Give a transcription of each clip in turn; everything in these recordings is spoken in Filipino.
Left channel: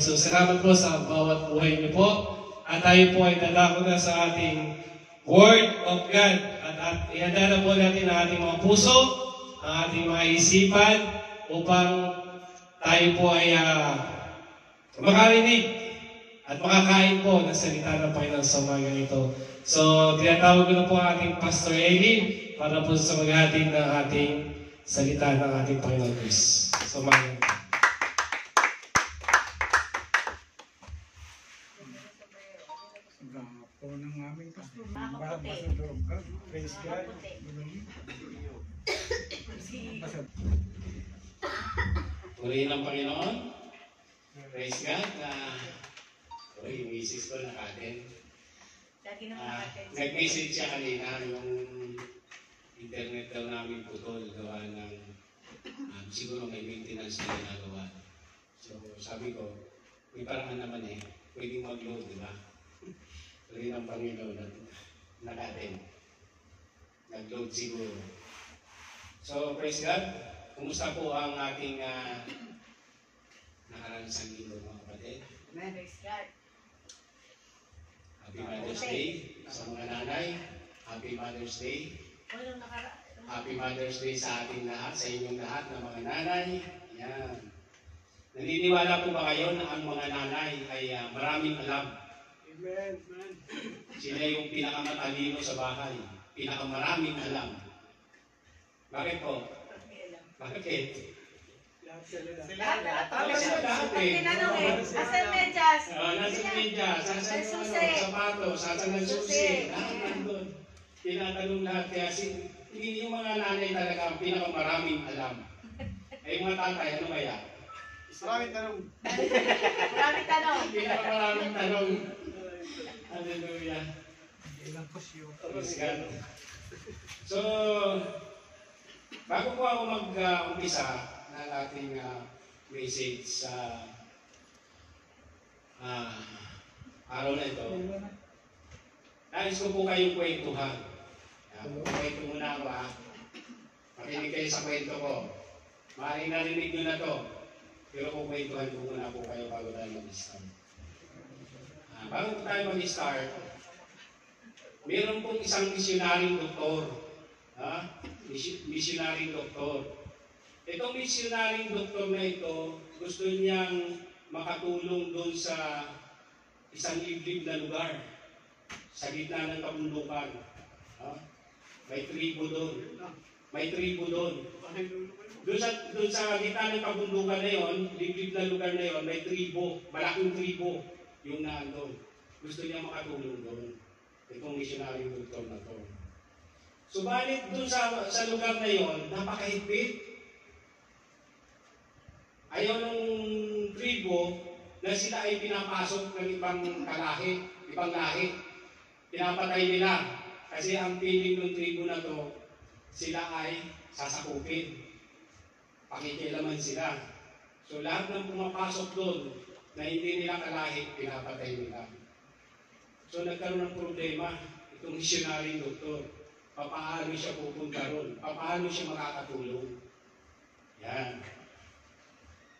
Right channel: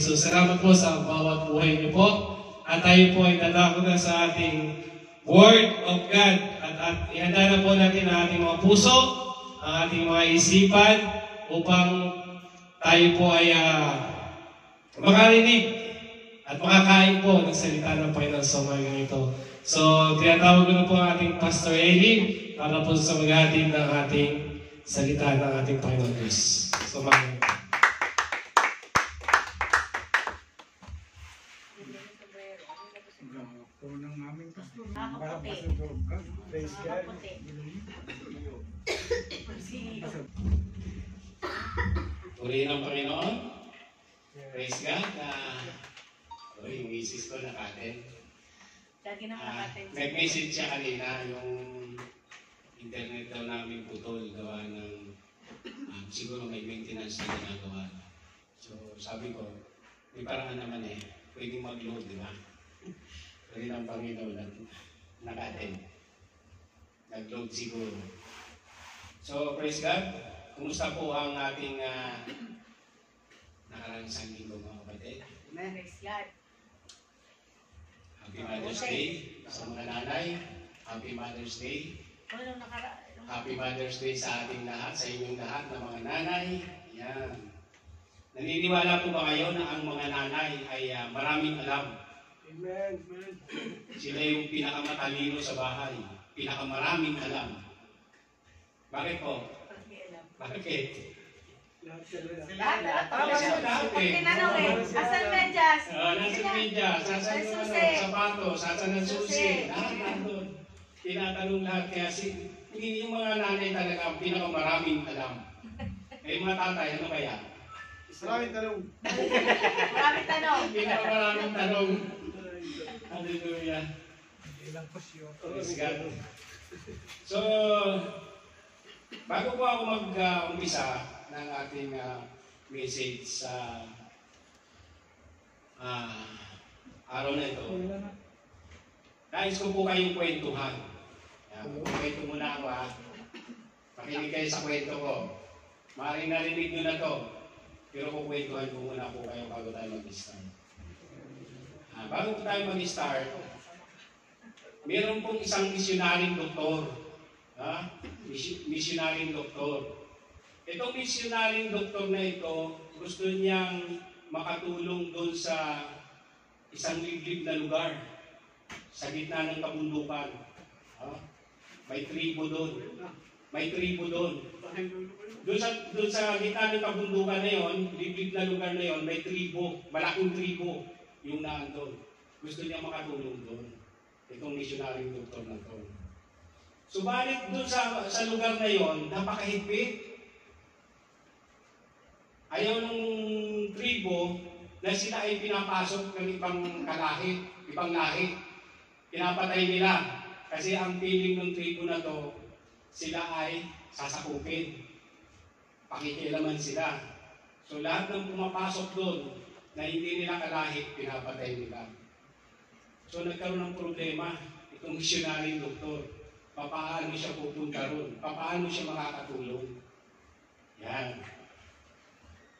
Jesus. Salamat po sa bawat buhay niyo po. At tayo po ay dadako na sa ating Word of God. At ihanda na po natin ang ating mga puso, ang ating mga isipan, upang tayo po ay makarinig at makakain po ng salita ng Panginoon sa umagang ito. So, tinatawag ko na po ang ating Pastor Eileen para po sa maghatid ng ating salita ng ating Panginoon Diyos. So, umagang ito. Po ng aming pastor. Pastor God. Praise God. Purihin ang Panginoon. Praise God. Yung misis ko nakaten. Nag-message siya kanina yung internet daw namin putol. Gawa ng siguro may maintenance na ginagawa. So sabi ko, may parang naman pwedeng mag-load, di ba? Purihin ang Panginoon nakaten. Nag-load siguro. So praise God. Kumusta po ang ating nakaransang linggo mga kapatid? Praise God. Happy Mother's Day sa mga nanay. Happy Mother's Day. Happy Mother's Day sa ating lahat, sa inyong lahat ng mga nanay. Yan. Naniniwala po ba kayo na ang mga nanay ay maraming alam? Amen. Sila yung pinakamatalino sa bahay. Pinakamaraming alam. Bakit po? Bakit? Lahat. Tinanong asan medyas? Nasa medyas, asan yung sapatos, asan ang susi. Lahat nandun. Tinatanong lahat. Kaya yung mga nanay talaga ang pinakamaraming alam. Yung mga tatay, ano kaya? Maraming tanong. Pinakamaraming tanong. Hallelujah. Ilang pasyo. Praise God. So, bago po ako mag-umpisa ng ating message sa araw na ito, nais ko po kayong kwentuhan. Kwento muna ako Makinig kayo sa kwento ko. Maaaring narinig nyo na to, pero kukwentuhan ko muna po kayo bago tayo mag-start. Bago tayo mag-start, meron pong isang misyonaring doktor. Misyonaring doktor. Itong misyonaring doktor na ito, gusto niyang makatulong doon sa isang liblib na lugar sa gitna ng kabundukan. May tribo doon. Doon sa gitna ng kabundukan na yon, liblib na lugar na yon, may tribo, malaking tribo yung naandun. Gusto niya makatulong doon. Itong missionaring doktor na to. Subalit doon sa lugar na yon, napakahigpit. Ayaw nung tribo na sila ay pinapasok ng ibang lahi. Pinapatay nila. Kasi ang feeling ng tribo na to, sila ay sasakupin. Pakikialaman sila. So lahat ng pumapasok doon na hindi nila kalahi, pinapatay nila. So nagkaroon ng problema itong missionary doktor. Paano siya pupunta ron? Paano siya makakatulong? Yan.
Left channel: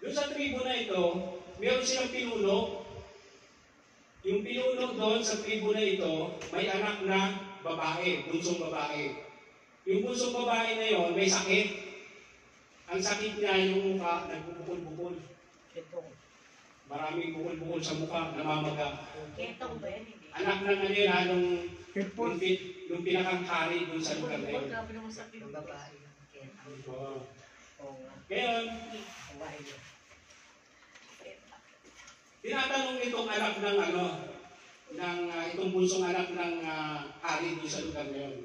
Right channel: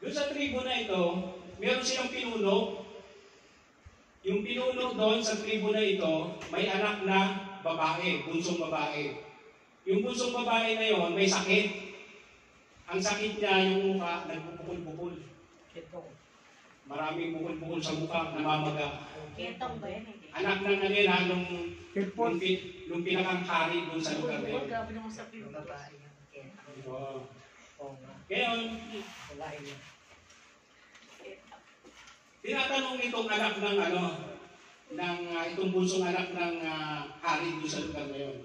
Doon sa tribo na ito, meron silang pinuno. Yung pinuno doon sa tribo na ito, may anak na babae, bunsong babae. Yung bunsong babae na yon may sakit. Ang sakit niya, yung mukha, nagbubukol-bukol. Maraming bukol-bukol sa mukha, namamaga. Anak na nila nung pinakang hari doon sa lugar na yun. Ngayon, tinatanong itong anak itong bunsong anak ng hari doon sa lugar na yun.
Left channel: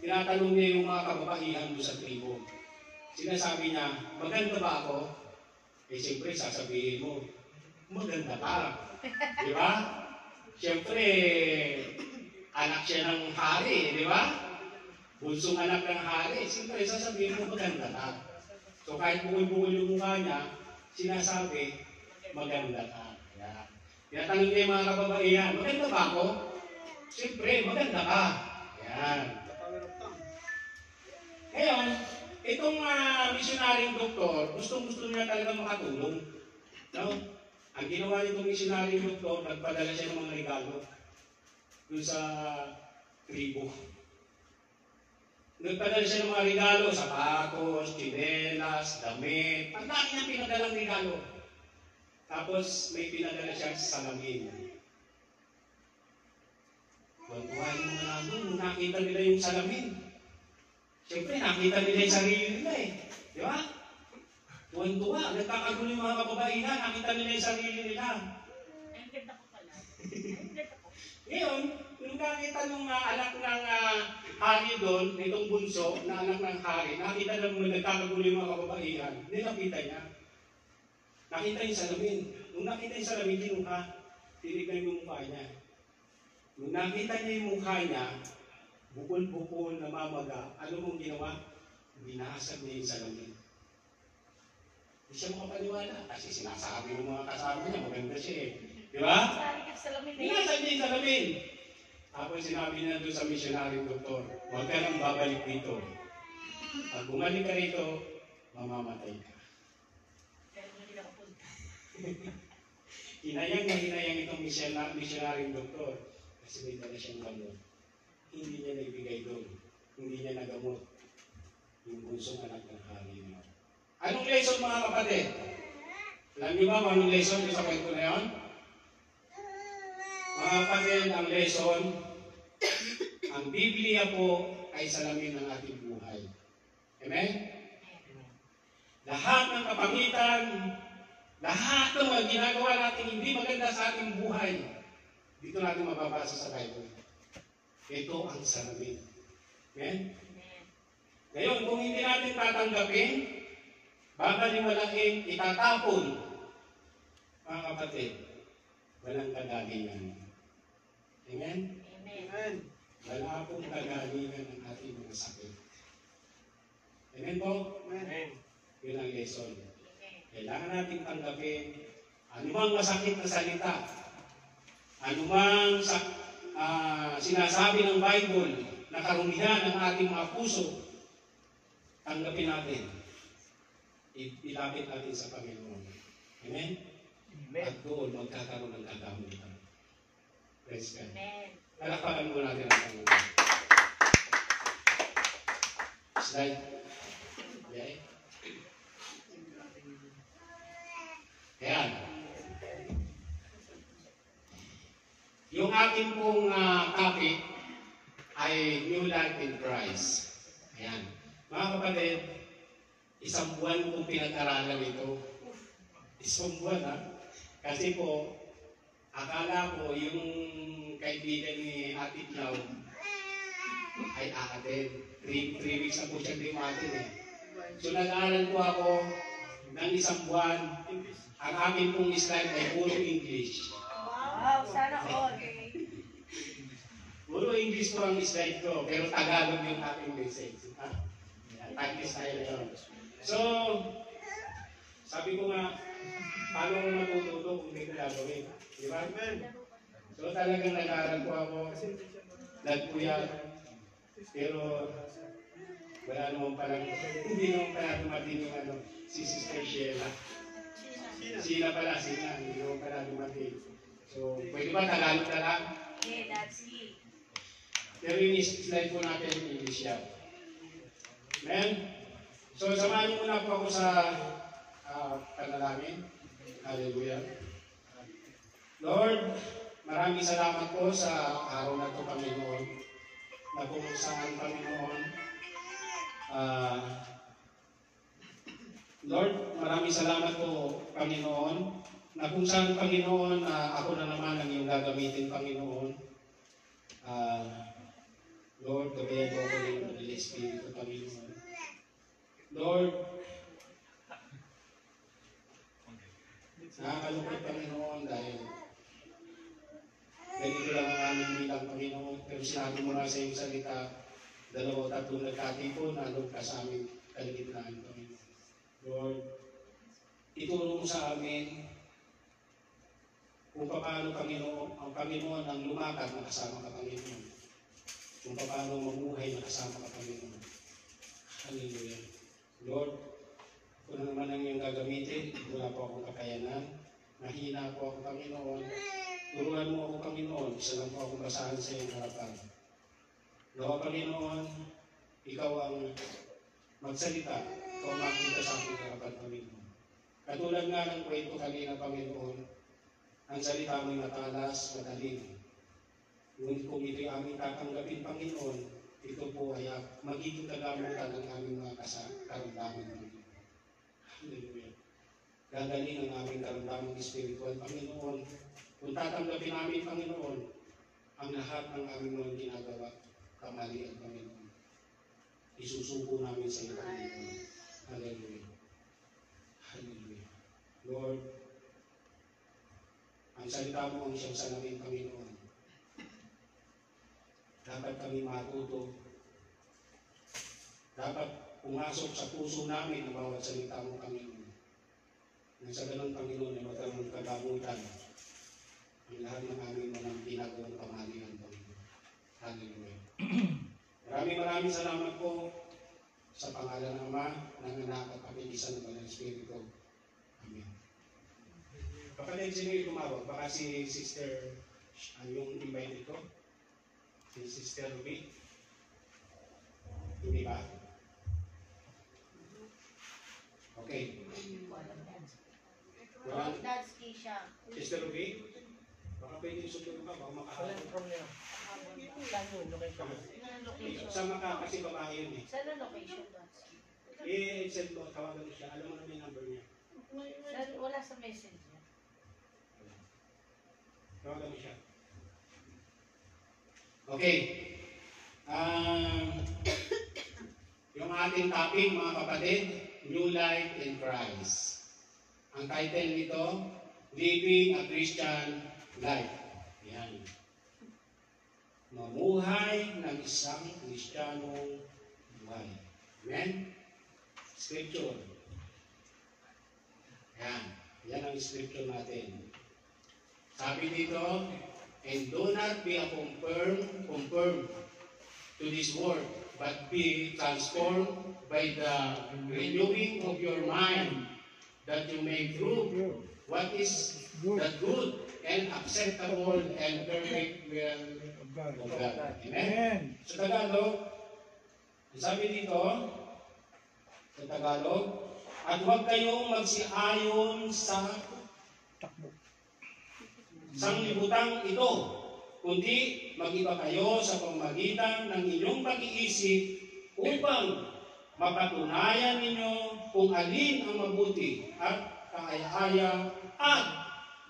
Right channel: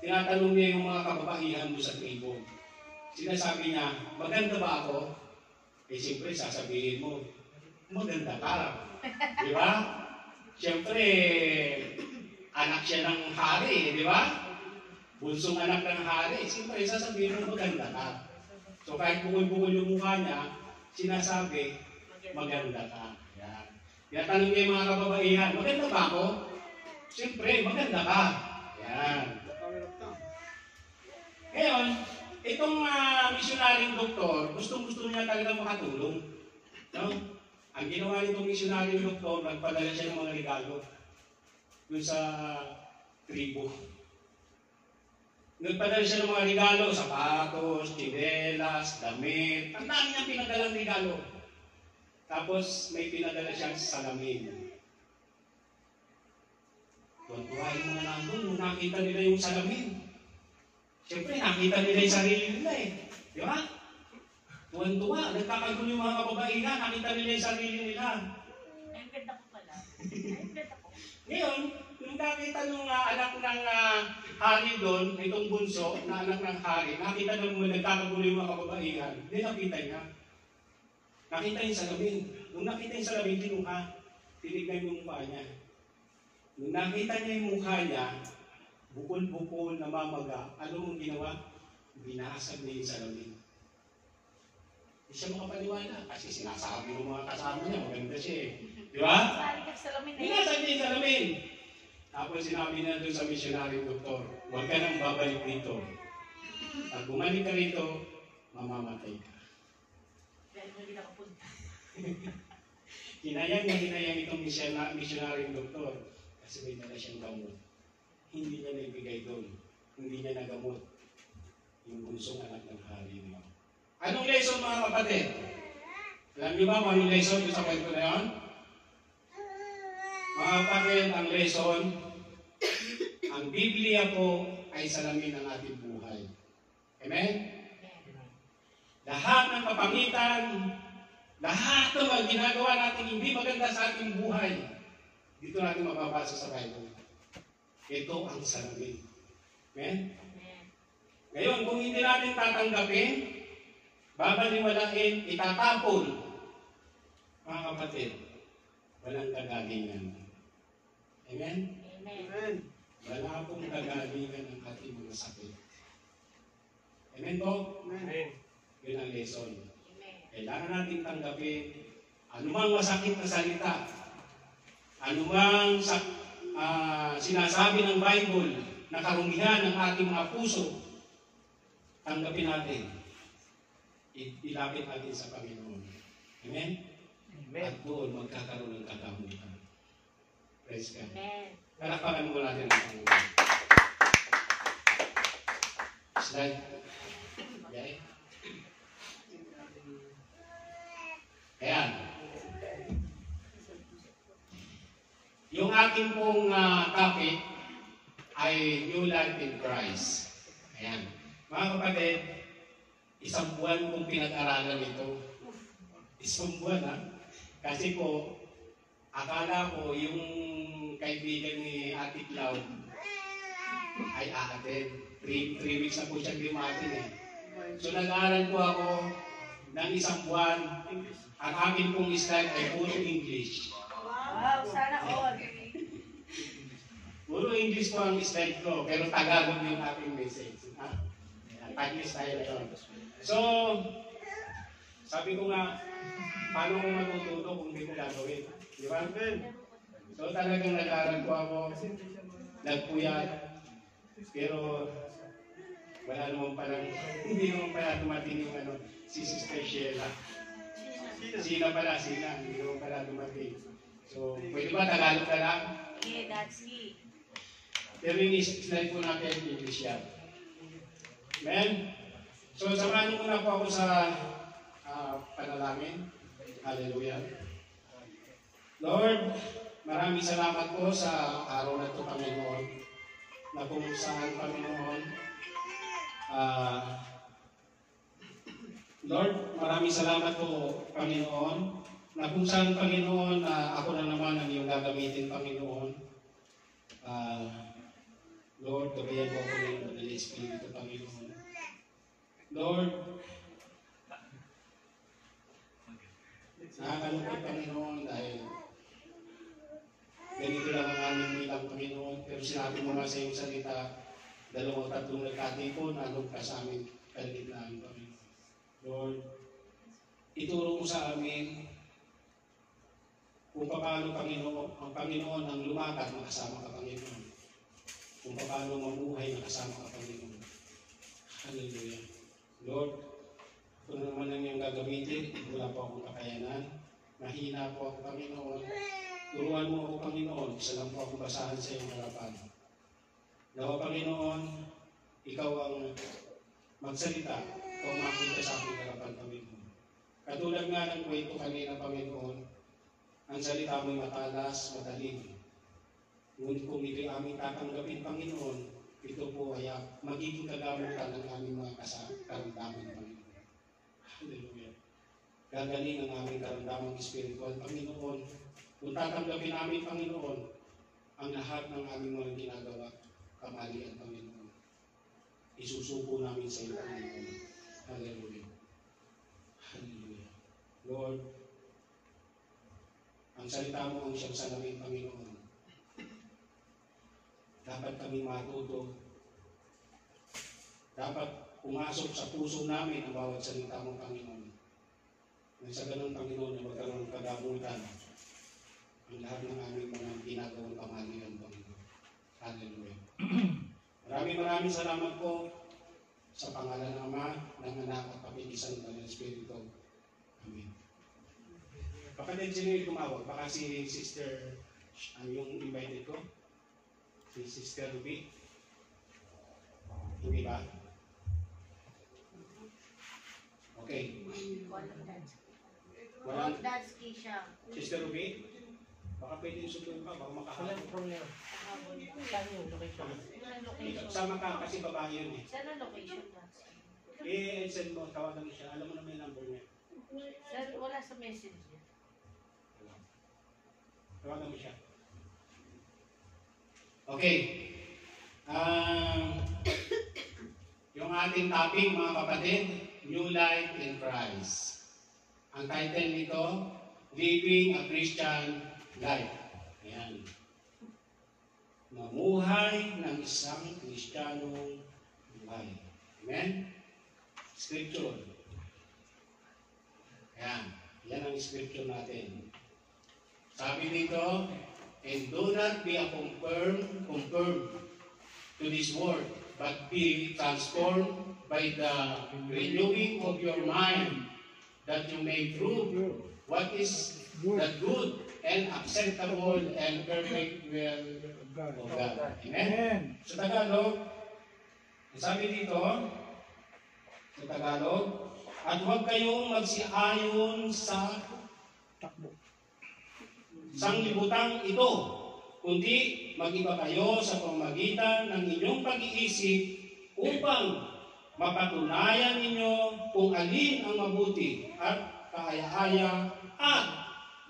Tinatanong niya yung mga kababaihan doon sa tribo. Sinasabi niya, maganda ba ako? Siyempre, sasabihin mo, maganda ka. Di ba? Siyempre, anak siya ng hari, di ba? Bunsong anak ng hari, siyempre, sasabihin mo, maganda ka. So, kahit bukol-bukol yung mukha niya, sinasabi, maganda ka. Tinatanong niya yung mga kababaihan, maganda ba ako? Siyempre, maganda ka. Yan. Ngayon, itong missionaryong doktor, gusto niya talagang makatulong. No? Ang ginawa nitong missionary doktor, nagpadala siya ng mga regalo doon sa tribo. Nagpadala siya ng mga regalo, sapatos, tsinelas, damit. Ang dami niyang pinadalang regalo. Tapos may pinadala siyang salamin. Tuwa-tuwa yung mga nandun, nung nakita nila yung salamin. Siyempre, nakita nila yung sarili nila eh. Di ba? Tuwan-tuwa, nagkakagulo yung mga kababaihan, nakita nila yung sarili nila. Ang ganda ko pala. Ang ganda ko. Ngayon, nung nakita nung anak ng hari doon, itong bunso, na anak ng hari, nakita na mga nagkakagulo yung mga kababaihan, nilapita niya. Nakita yung salamin. Nung nakita yung salamin, kinuha. Tinignan yung mukha niya. Nung nakita niya yung mukha niya, bukol-bukol, namamaga, ano mong ginawa? Binasag niya yung salamin. Hindi siya makapaniwala kasi sinasabi ng mga kasama niya, maganda siya eh. Di ba? Balik ka sa lamin na Binasag niya yung salamin. Tapos sinabi niya doon sa missionary doktor, huwag ka nang babalik dito. Pag bumalik ka rito, mamamatay ka. Dahil hindi nakapunta. Hinayang itong missionary doktor kasi may dala siyang gamot. Hindi niya nagbigay doon. Hindi niya nagamot yung bunsong anak ng hari niya. Anong lesson mga kapatid? Alam niyo ba anong lesson sa kwento na yun? Mga kapatid, ang lesson, ang Biblia po ay salamin ng ating buhay. Amen? Lahat ng kapangitan, lahat ng mga ginagawa natin hindi maganda sa ating buhay, dito natin mababasa sa Bible. Ito ang salamin. Amen? Ngayon, kung hindi natin tatanggapin, babaliwalain, itatapon, mga kapatid, walang kagalingan. Amen? Amen. Wala pong kagalingan ng ating mga sakit. Amen po? Amen. Yun ang lesson. Amen. Kailangan natin tanggapin anumang masakit na salita, anumang sinasabi ng Bible na karumihan ng ating mga puso, tanggapin natin. Ilapit natin sa Panginoon. Amen? At doon magkakaroon ng kagamutan. Praise God. Amen. Palakpakan mo natin ang Panginoon. Slide. Okay. Ayan. Yung ating pong topic ay New Life in Christ. Ayan. Mga kapatid, isang buwan kong pinag-aralan ito. Isang buwan ha. Kasi po, akala ko yung kaibigan ni Ate Cloud ay aatin. 3 weeks na po siyang dumating eh. So nag-aaral po ako ng isang buwan. Ang amin pong slide ay puro English. Wow, sana all. Puro English po ang slide ko, pero Tagalog yung ating message. Practice tayo na yun. So, sabi ko nga, paano ko matututo kung hindi ko gagawin? Di ba? So talagang nag-aaral ko ako, nagpuyat, pero wala naman palang, hindi naman pala dumating yung si Sister Sheila. Sina pala, hindi naman pala dumating. So, pwede ba Tagalog na lang? Yeah, that's it. Pero yung slide po natin in English yan. Amen? So, samahan niyo muna po ako sa panalangin. Hallelujah. Lord, maraming salamat po sa araw na ito, Panginoon, na kung saan, Panginoon, Lord, maraming salamat po, Panginoon, na kung saan, Panginoon, ako na naman ang iyong gagamitin, Panginoon. Lord, gabayan po ako ng Holy Espiritu, Panginoon. Lord, nakakalungkot, Panginoon, dahil ganito lang ang aming bilang, Panginoon. Pero sinabi mo na sa iyong salita, 2 o 3 nagkatipon, nandun ka sa aming kaligitnaan, Panginoon. Lord, ituro mo sa amin kung paano, Panginoon, ang Panginoon ang lumakad na kasama ka, Panginoon. Kung paano mamuhay na kasama ka, Panginoon. Hallelujah. Lord, kung naman ang iyong gagamitin, wala po akong kakayanan. Mahina po ako, Panginoon. Turuan mo ako, Panginoon. Isa lang po ako basahan sa iyong harapan. Nawa, Panginoon, ikaw ang magsalita. Ikaw ang makita sa aking harapan, Panginoon. Katulad nga ng kwento kanina, Panginoon, ang salita mo'y matalas, madaling. Ngunit kung ito'y aming tatanggapin, Panginoon, ito po ay magiging kagamutan ng aming mga karamdaman, Panginoon. Hallelujah. Gagaling ang aming karamdaman spiritual, Panginoon. Kung tatanggapin namin, Panginoon, ang lahat ng aming mga ginagawa, kamalian, Panginoon. Isusuko namin sa iyo, Panginoon. Hallelujah. Hallelujah. Lord, ang salita mo ang siyang salamin, Panginoon. Dapat kami matuto. Dapat pumasok sa puso namin ang bawat salita mo, Panginoon. Nang sa ganun, Panginoon, ay magkaroon kagamutan ang lahat ng aming mga ginagawang kamalian, Panginoon. Hallelujah. Maraming salamat po sa pangalan ng Ama, ng Anak at Pag-iisa ng Banal Espiritu. Amen. Kapatid, sino yung tumawag? Baka si Sister, yung invited ko? Si Sister Ruby? Hindi ba? Okay. Walang Dadsky siya. Sister Ruby? Baka pwedeng sutuin pa, baka makahalap. Sama ka kasi babae yun eh. Saan ang location, Dadsky? Send mo, tawagan mo siya. Alam mo na may number niya. Wala sa message niya. Tawagan mo siya. Okay. Yung ating topic, mga kapatid, New Life in Christ. Ang title nito, Living a Christian Life. Ayan. Mamuhay ng isang Kristiyanong buhay. Amen? Scripture. Ayan. Yan ang scripture natin. Sabi dito, and do not be conformed to this world, but be transformed by the renewing of your mind, that you may prove what is the good and acceptable and perfect will Of God. of God. Amen? Amen. Sa Tagalog, sabi dito, sa Tagalog, at huwag kayong magsiayon sa Takbo. sanglibutang ito, kundi mag-iba kayo sa pamamagitan ng inyong pag-iisip upang mapatunayan ninyo kung alin ang mabuti at kaaya-aya at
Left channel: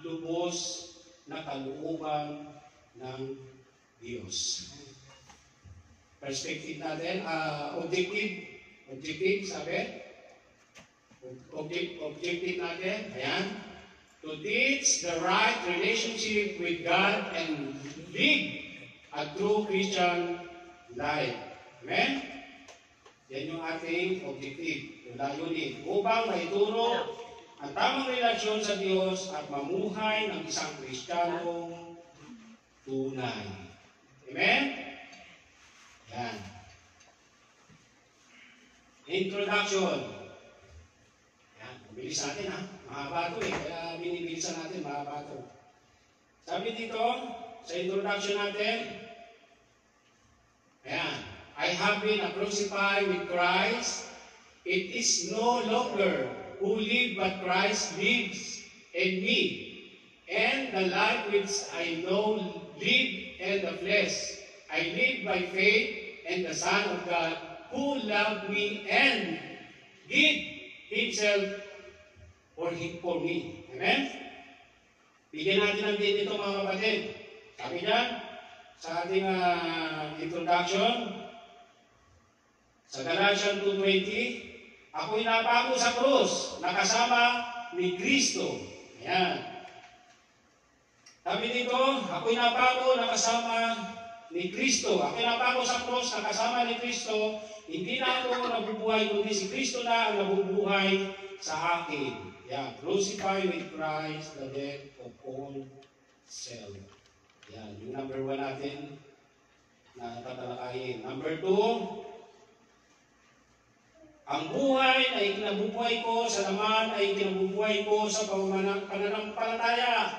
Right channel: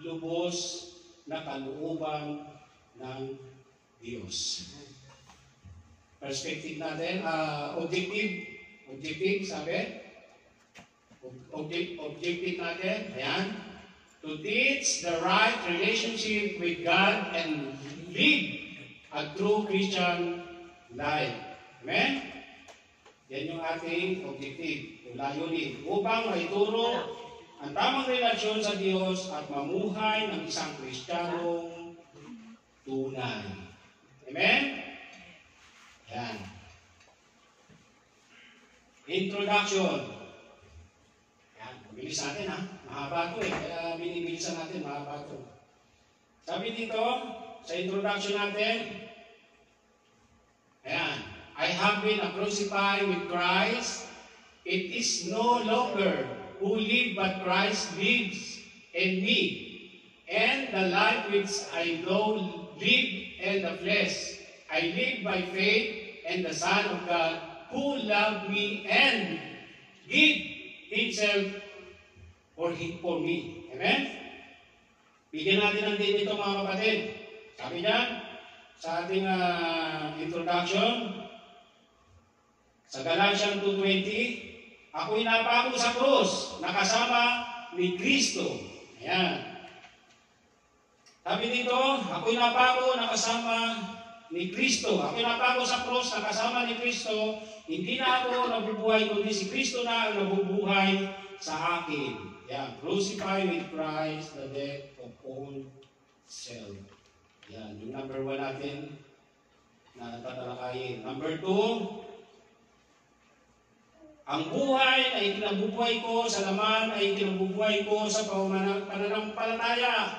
lubos na kalooban ng Diyos. Perspective natin, objective, sabi? Objective natin, ayan. To teach the right relationship with God and live a true Christian life. Amen? Yan yung ating objective, yung layunin, upang maituro ang tamang relasyon sa Diyos at mamuhay ng isang Kristiyanong tunay. Amen? Yan. Introduction. Yan, bilis natin ha. Mahaba ito eh, kaya binibilisan natin, mahaba ito. Sabi dito, sa introduction natin, ayan, I have been crucified with Christ. It is no longer who live, but Christ lives in me. And the life which I now live in the flesh, I live by faith in the Son of God, who loved me and gave Himself for me. Amen? Bigyan natin ng din ito, mga kapatid. Sabi dyan, sa ating introduction, sa Galatians 2:20, ako'y napako sa krus, nakasama ni Kristo. Ayan. Sabi dito, ako'y napako, nakasama ni Kristo. Ako'y napako sa krus, nakasama ni Kristo. Hindi na ako nabubuhay, kundi si Kristo na ang nabubuhay sa akin. Yan, crucify with Christ the death of all self. Yan, yung number 1 natin na tatalakayin. Number 2, Ang buhay ay kinabubuhay ko, sa laman ay kinabubuhay ko sa pananampalataya.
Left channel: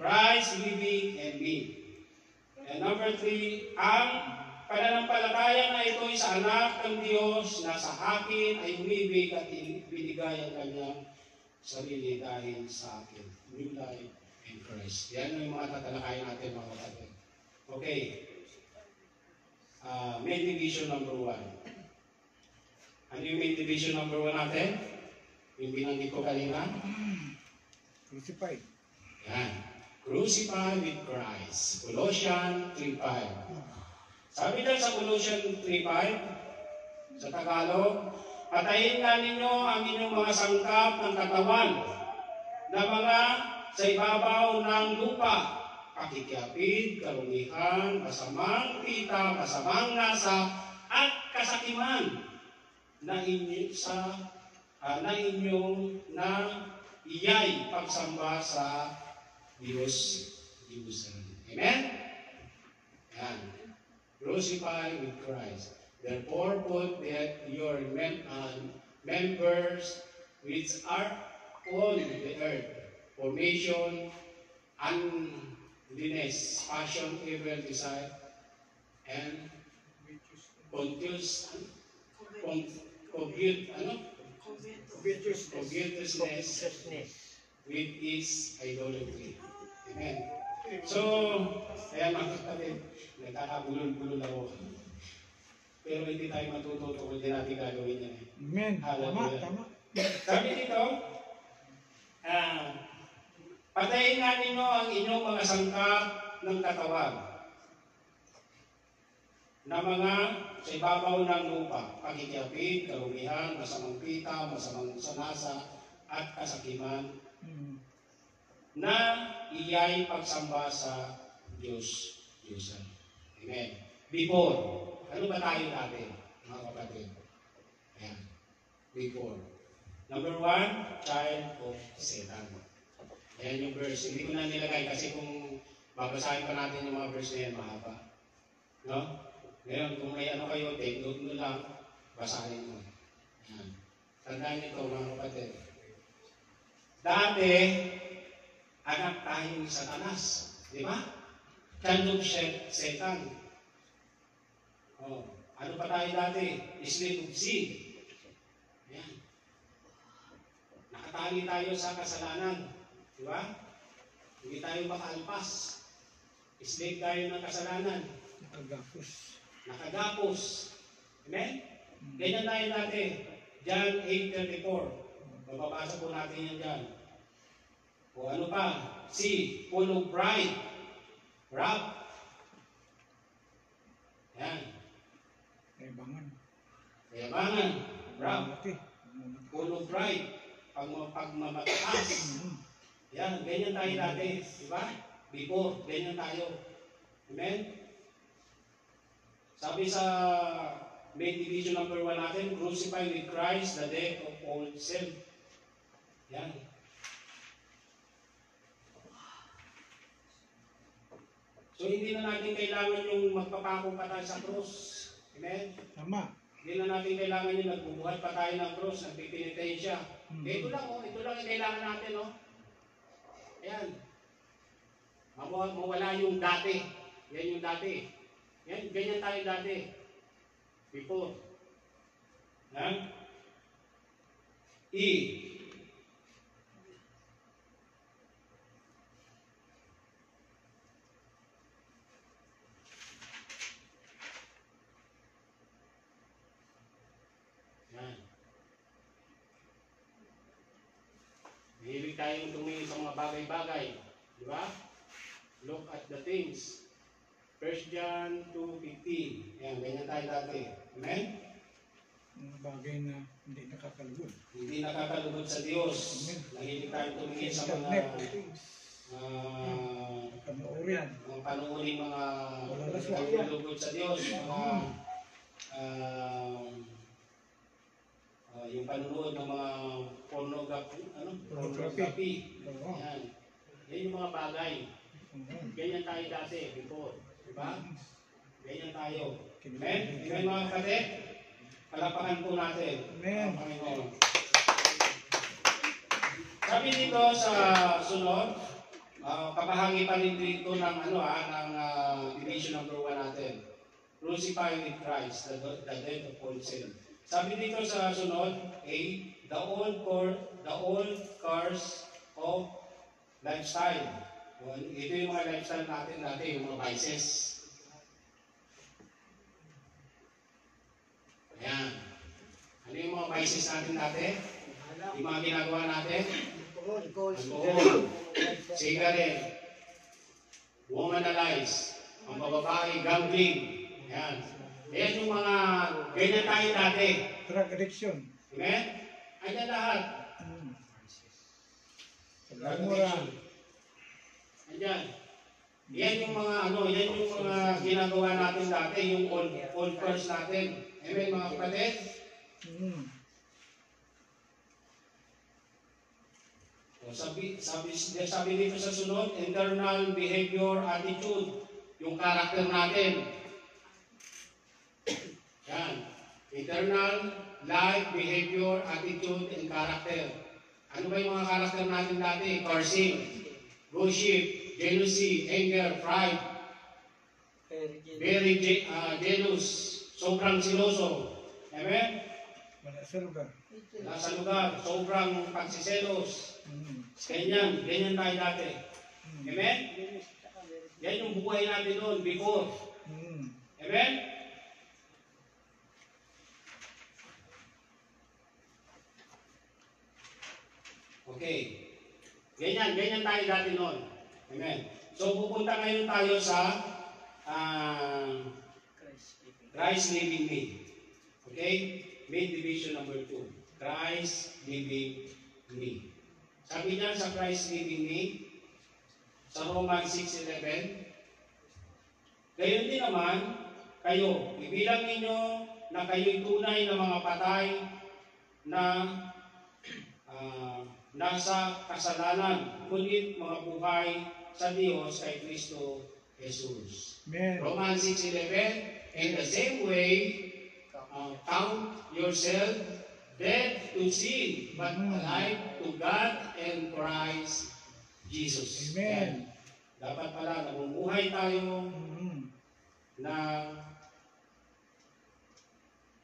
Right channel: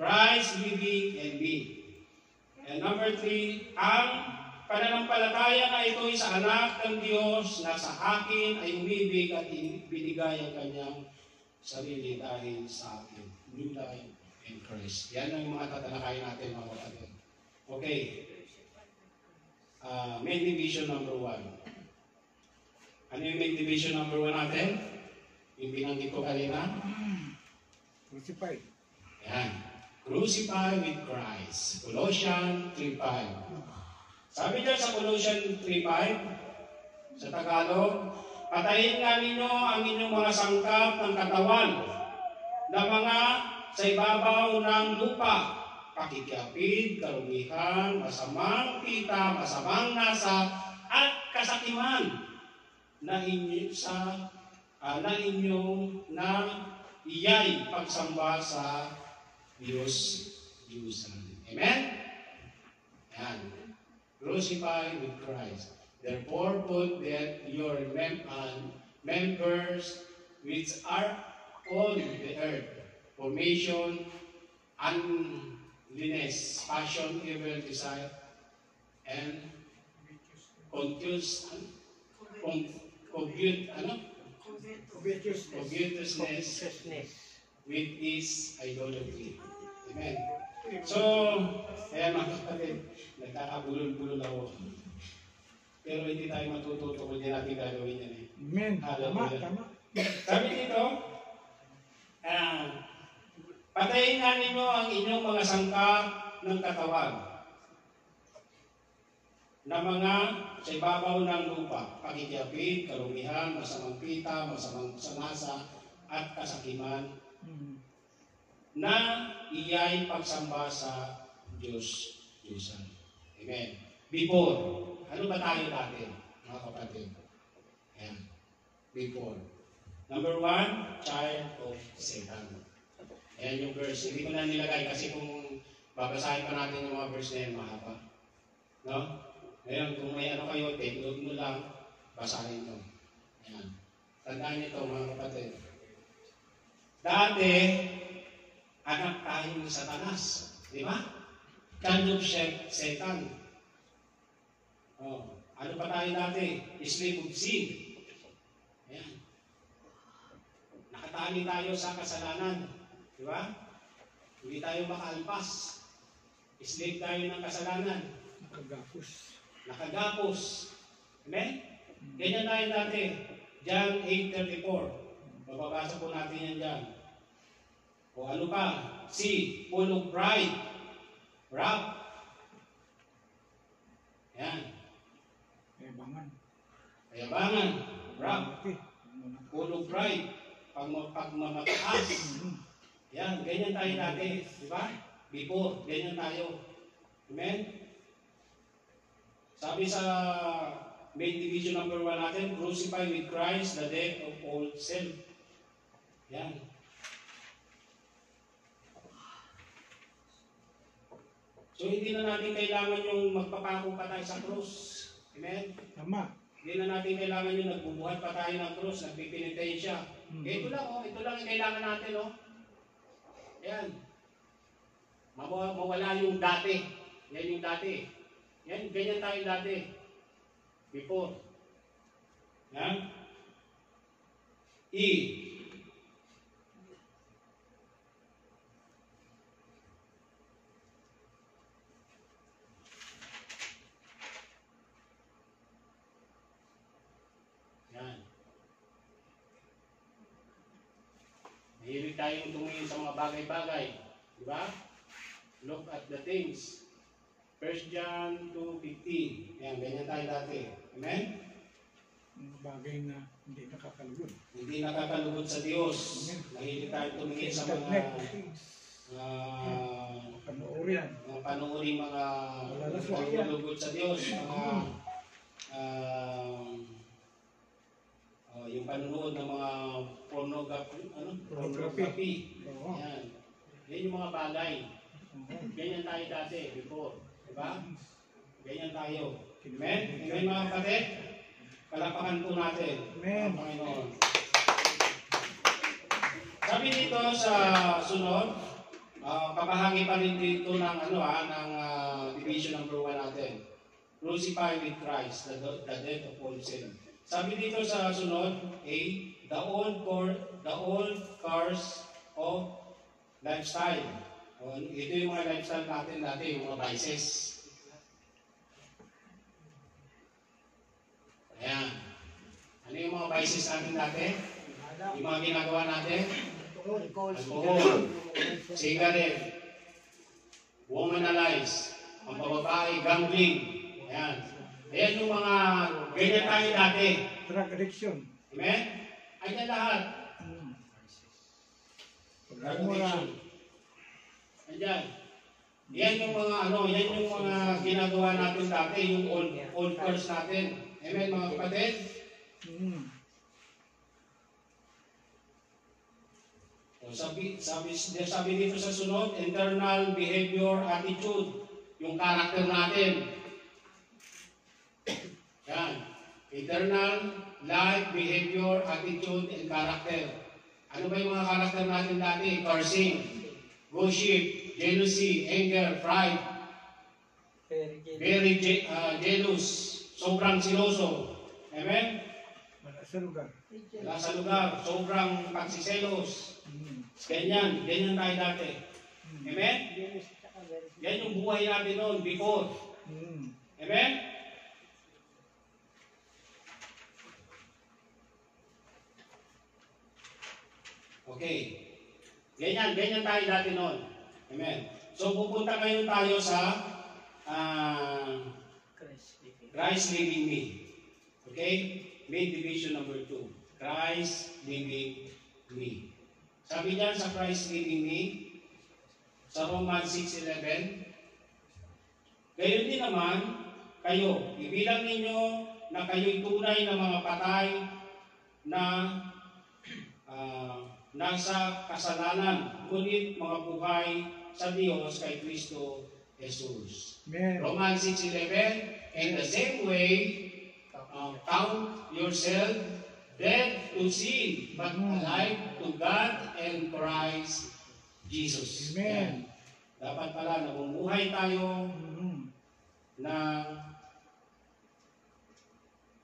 Christ living in me. And number 3, ang pananampalataya na ito'y sa anak ng Diyos na sa akin ay umibig at binigay ang kanyang sarili dahil sa akin. New life in Christ. Yan ang mga tatalakayin natin mga kapatid. Okay. Main division number 1. Ano yung main division number 1 natin? Yung binanggit ko kanina? Crucified. Yan. Crucified with Christ. Colossians 3:5. Sabi dyan sa Colossians 3:5, sa Tagalog, patayin nga ninyo ang inyong mga sangkap ng katawan na mga sa ibabaw ng lupa, pakikiapid, karumihan, masamang kita, masamang nasa, at kasakiman na inyong na iyay pagsamba sa Diyos-Diyusan. Amen? Yan. Crucified with Christ. Therefore, put that your members which are on the earth, formation, unliness, passion, evil desire, and covetousness, which is idolatry. Amen. So, kaya mga kapatid, nagkakabulol-bulol ako. Pero hindi tayo matututo kung hindi natin gagawin yan. Amen. Tama. Sabi dito, patayin nga ninyo ang inyong mga sangkap ng katawan na mga sa ibabaw ng lupa, pakikiapid, karumihan, masamang pita, masamang sanasa, at kasakiman, na iyay pagsamba sa Diyos-Diyusan. Amen. Before, ano ba tayo natin, mga kapatid? Ayan. Before. Number 1, child of Satan. Ayan yung verse. Hindi ko na nilagay kasi kung babasahin pa natin yung mga verse na yan, mahaba. No? Ngayon, kung may ano kayo, take note nyo lang, basahin nyo. Ayan. Tandaan nyo ito, mga kapatid. Dati, anak tayo ni Satanas. Di ba? Child of Satan. Oh, ano pa tayo dati? Slave of sin. Ayan. Nakatali tayo sa kasalanan. Di ba? Hindi tayo makalpas. Slave tayo ng kasalanan. Nakagapos. Amen? Ganyan tayo dati. John 8:34. Bababasa po natin yan dyan. O ano pa? C. Full of pride. Wrath. Yan. Kayabangan. Wrath. Full of pride. Pagmamataas. Yan. Ganyan tayo dati. Diba? Before. Ganyan tayo. Amen? Sabi sa main division number 1 natin, crucified with Christ, the death of old self. Yan. So, hindi na natin kailangan yung magpapako pa tayo sa krus. Amen? Tama. Hindi na natin kailangan yung nagbubuhat pa tayo ng krus, nagpipinitensya. Ito lang, ito lang yung kailangan natin, Ayan. Mawala yung dati. Yan yung dati. Yan, ganyan tayo dati. Before. Yan. E. Yan. Mahilig tayong tumingin sa mga bagay-bagay. Di ba? Look at the things. 1 John 2:15. Yan, ganyan tayo dati. Amen? Mga bagay na hindi nakakalugod. Hindi nakakalugod sa Diyos. Mahilig tayo tumingin sa mga panuuri, mga nakakalugod sa Diyos. Yung panunood ng mga pornography. Yan. Yan yung mga bagay. Ganyan tayo dati, before. Diba? Ganyan tayo. Amen? Amen mga kapatid? Palapakan po natin. Amen. Ang Panginoon. Sabi dito sa sunod, kabahagi pa rin dito ng division number 1 natin. Crucified with Christ, the death of all sin. Sabi dito sa sunod, A, the old cars of lifestyle. Ito yung mga lifestyle natin dati, yung mga vices. Ayan. Ano yung mga vices natin dati? Yung mga ginagawa natin? Alcohol, cigarette, womanize, ang bababae, gambling. Ayan. Ayan yung mga ganyan tayo dati. Drug addiction. Amen? Ayan lahat. Pagmumura. Ayan. Yan yung mga yan yung mga ginagawa natin dati, yung old curse natin. Amen, mga kapatid? Sabi dito sa sunod, internal behavior, attitude, yung character natin. Yan. Internal life, behavior, attitude, and character. Ano ba yung mga character natin dati? Cursing, gossip, jealousy, anger, pride, very jealous, sobrang siloso. Amen? Wala sa lugar. Nasa lugar, sobrang pagsiselos. Ganyan tayo dati. Amen? Yan yung buhay natin noon, before. Amen? Okay. Ganyan tayo dati noon. Amen. So, pupunta ngayon tayo sa Christ living me. Okay? Main division number 2. Christ living me. Sabi niyan sa Christ living me, sa Romans 6:11, gayon din naman, kayo, ibilang ninyo na kayo'y tunay na mga patay na nasa kasalanan, ngunit mga buhay sa Diyos kay Kristo Jesus. Amen. Romans 6:11, in the same way, count yourself dead to sin, but alive to God and Christ Jesus. Amen. Dapat pala namumuhay tayo na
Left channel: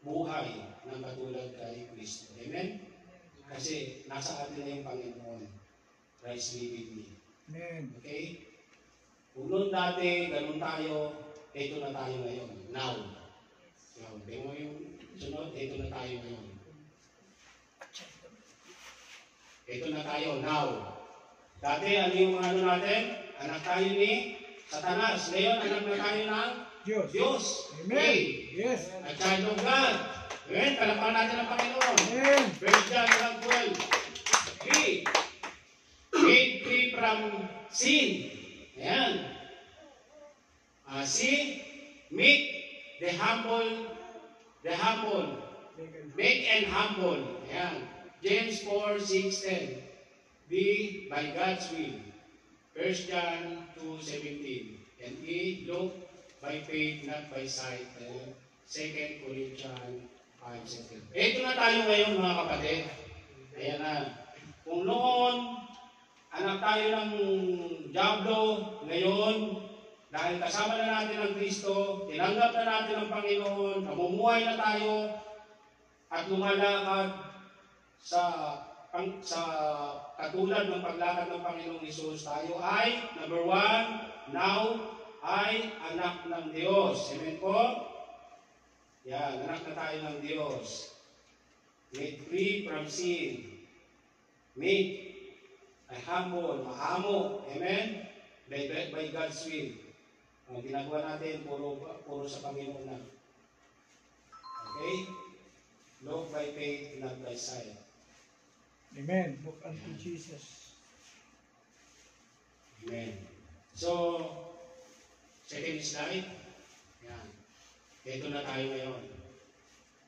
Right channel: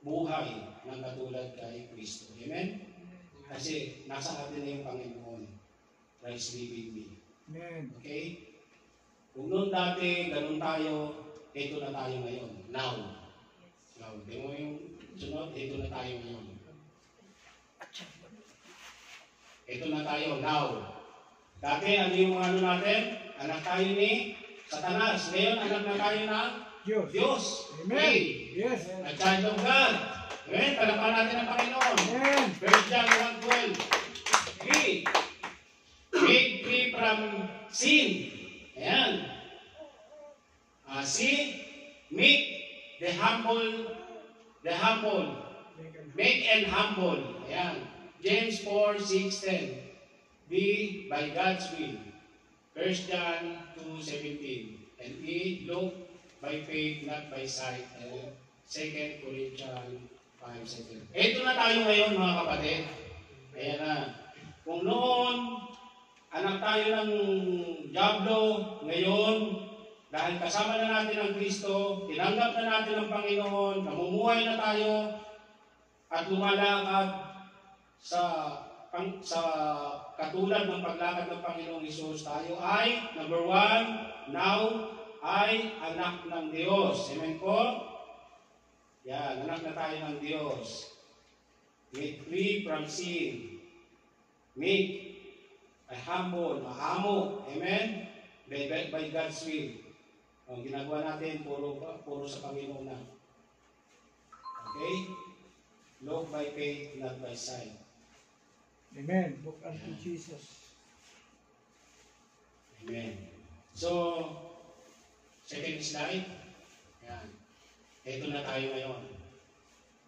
buhay ng katulad kay Kristo. Amen? Kasi nasa atin na yung Panginoon. Christ living me. Amen. Okay? Kung noon dati, ganun tayo, ito na tayo ngayon. Now. Tingnan mo yung sunod, ito na tayo ngayon. Ito na tayo, now. Dati, ano yung ano natin? Anak tayo ni Satanas. Ngayon, anak na tayo ng Diyos. Amen. Okay. Yes. A child of God. Amen. Palakpan natin ang Panginoon. Amen. 1 John 1:12. Made free from sin. Ayan. Sin, make the humble, make and humble. Ayan. James 4:6-10. Be by God's will. 1 John 2:17. And E, look by faith, not by sight. 2 Corinthians 5:7. Ito na tayo ngayon, mga kapatid. Ayan na. Kung noon, anak tayo ng Diablo, ngayon, dahil kasama na natin ang Kristo, tinanggap na natin ang Panginoon, namumuhay na tayo, at lumalakad sa katulad ng paglakad ng Panginoong Hesus, tayo ay, number 1, now, ay anak ng Diyos. Amen po? Yan, anak na tayo ng Diyos. Made free from sin. Make ay humble, maamo. Amen? By God's will. Ang ginagawa natin, puro sa Panginoon na. Okay? Look by faith, not by sight. Amen. Look unto Jesus. Amen. So, second slide. Yan. Ito na tayo ngayon.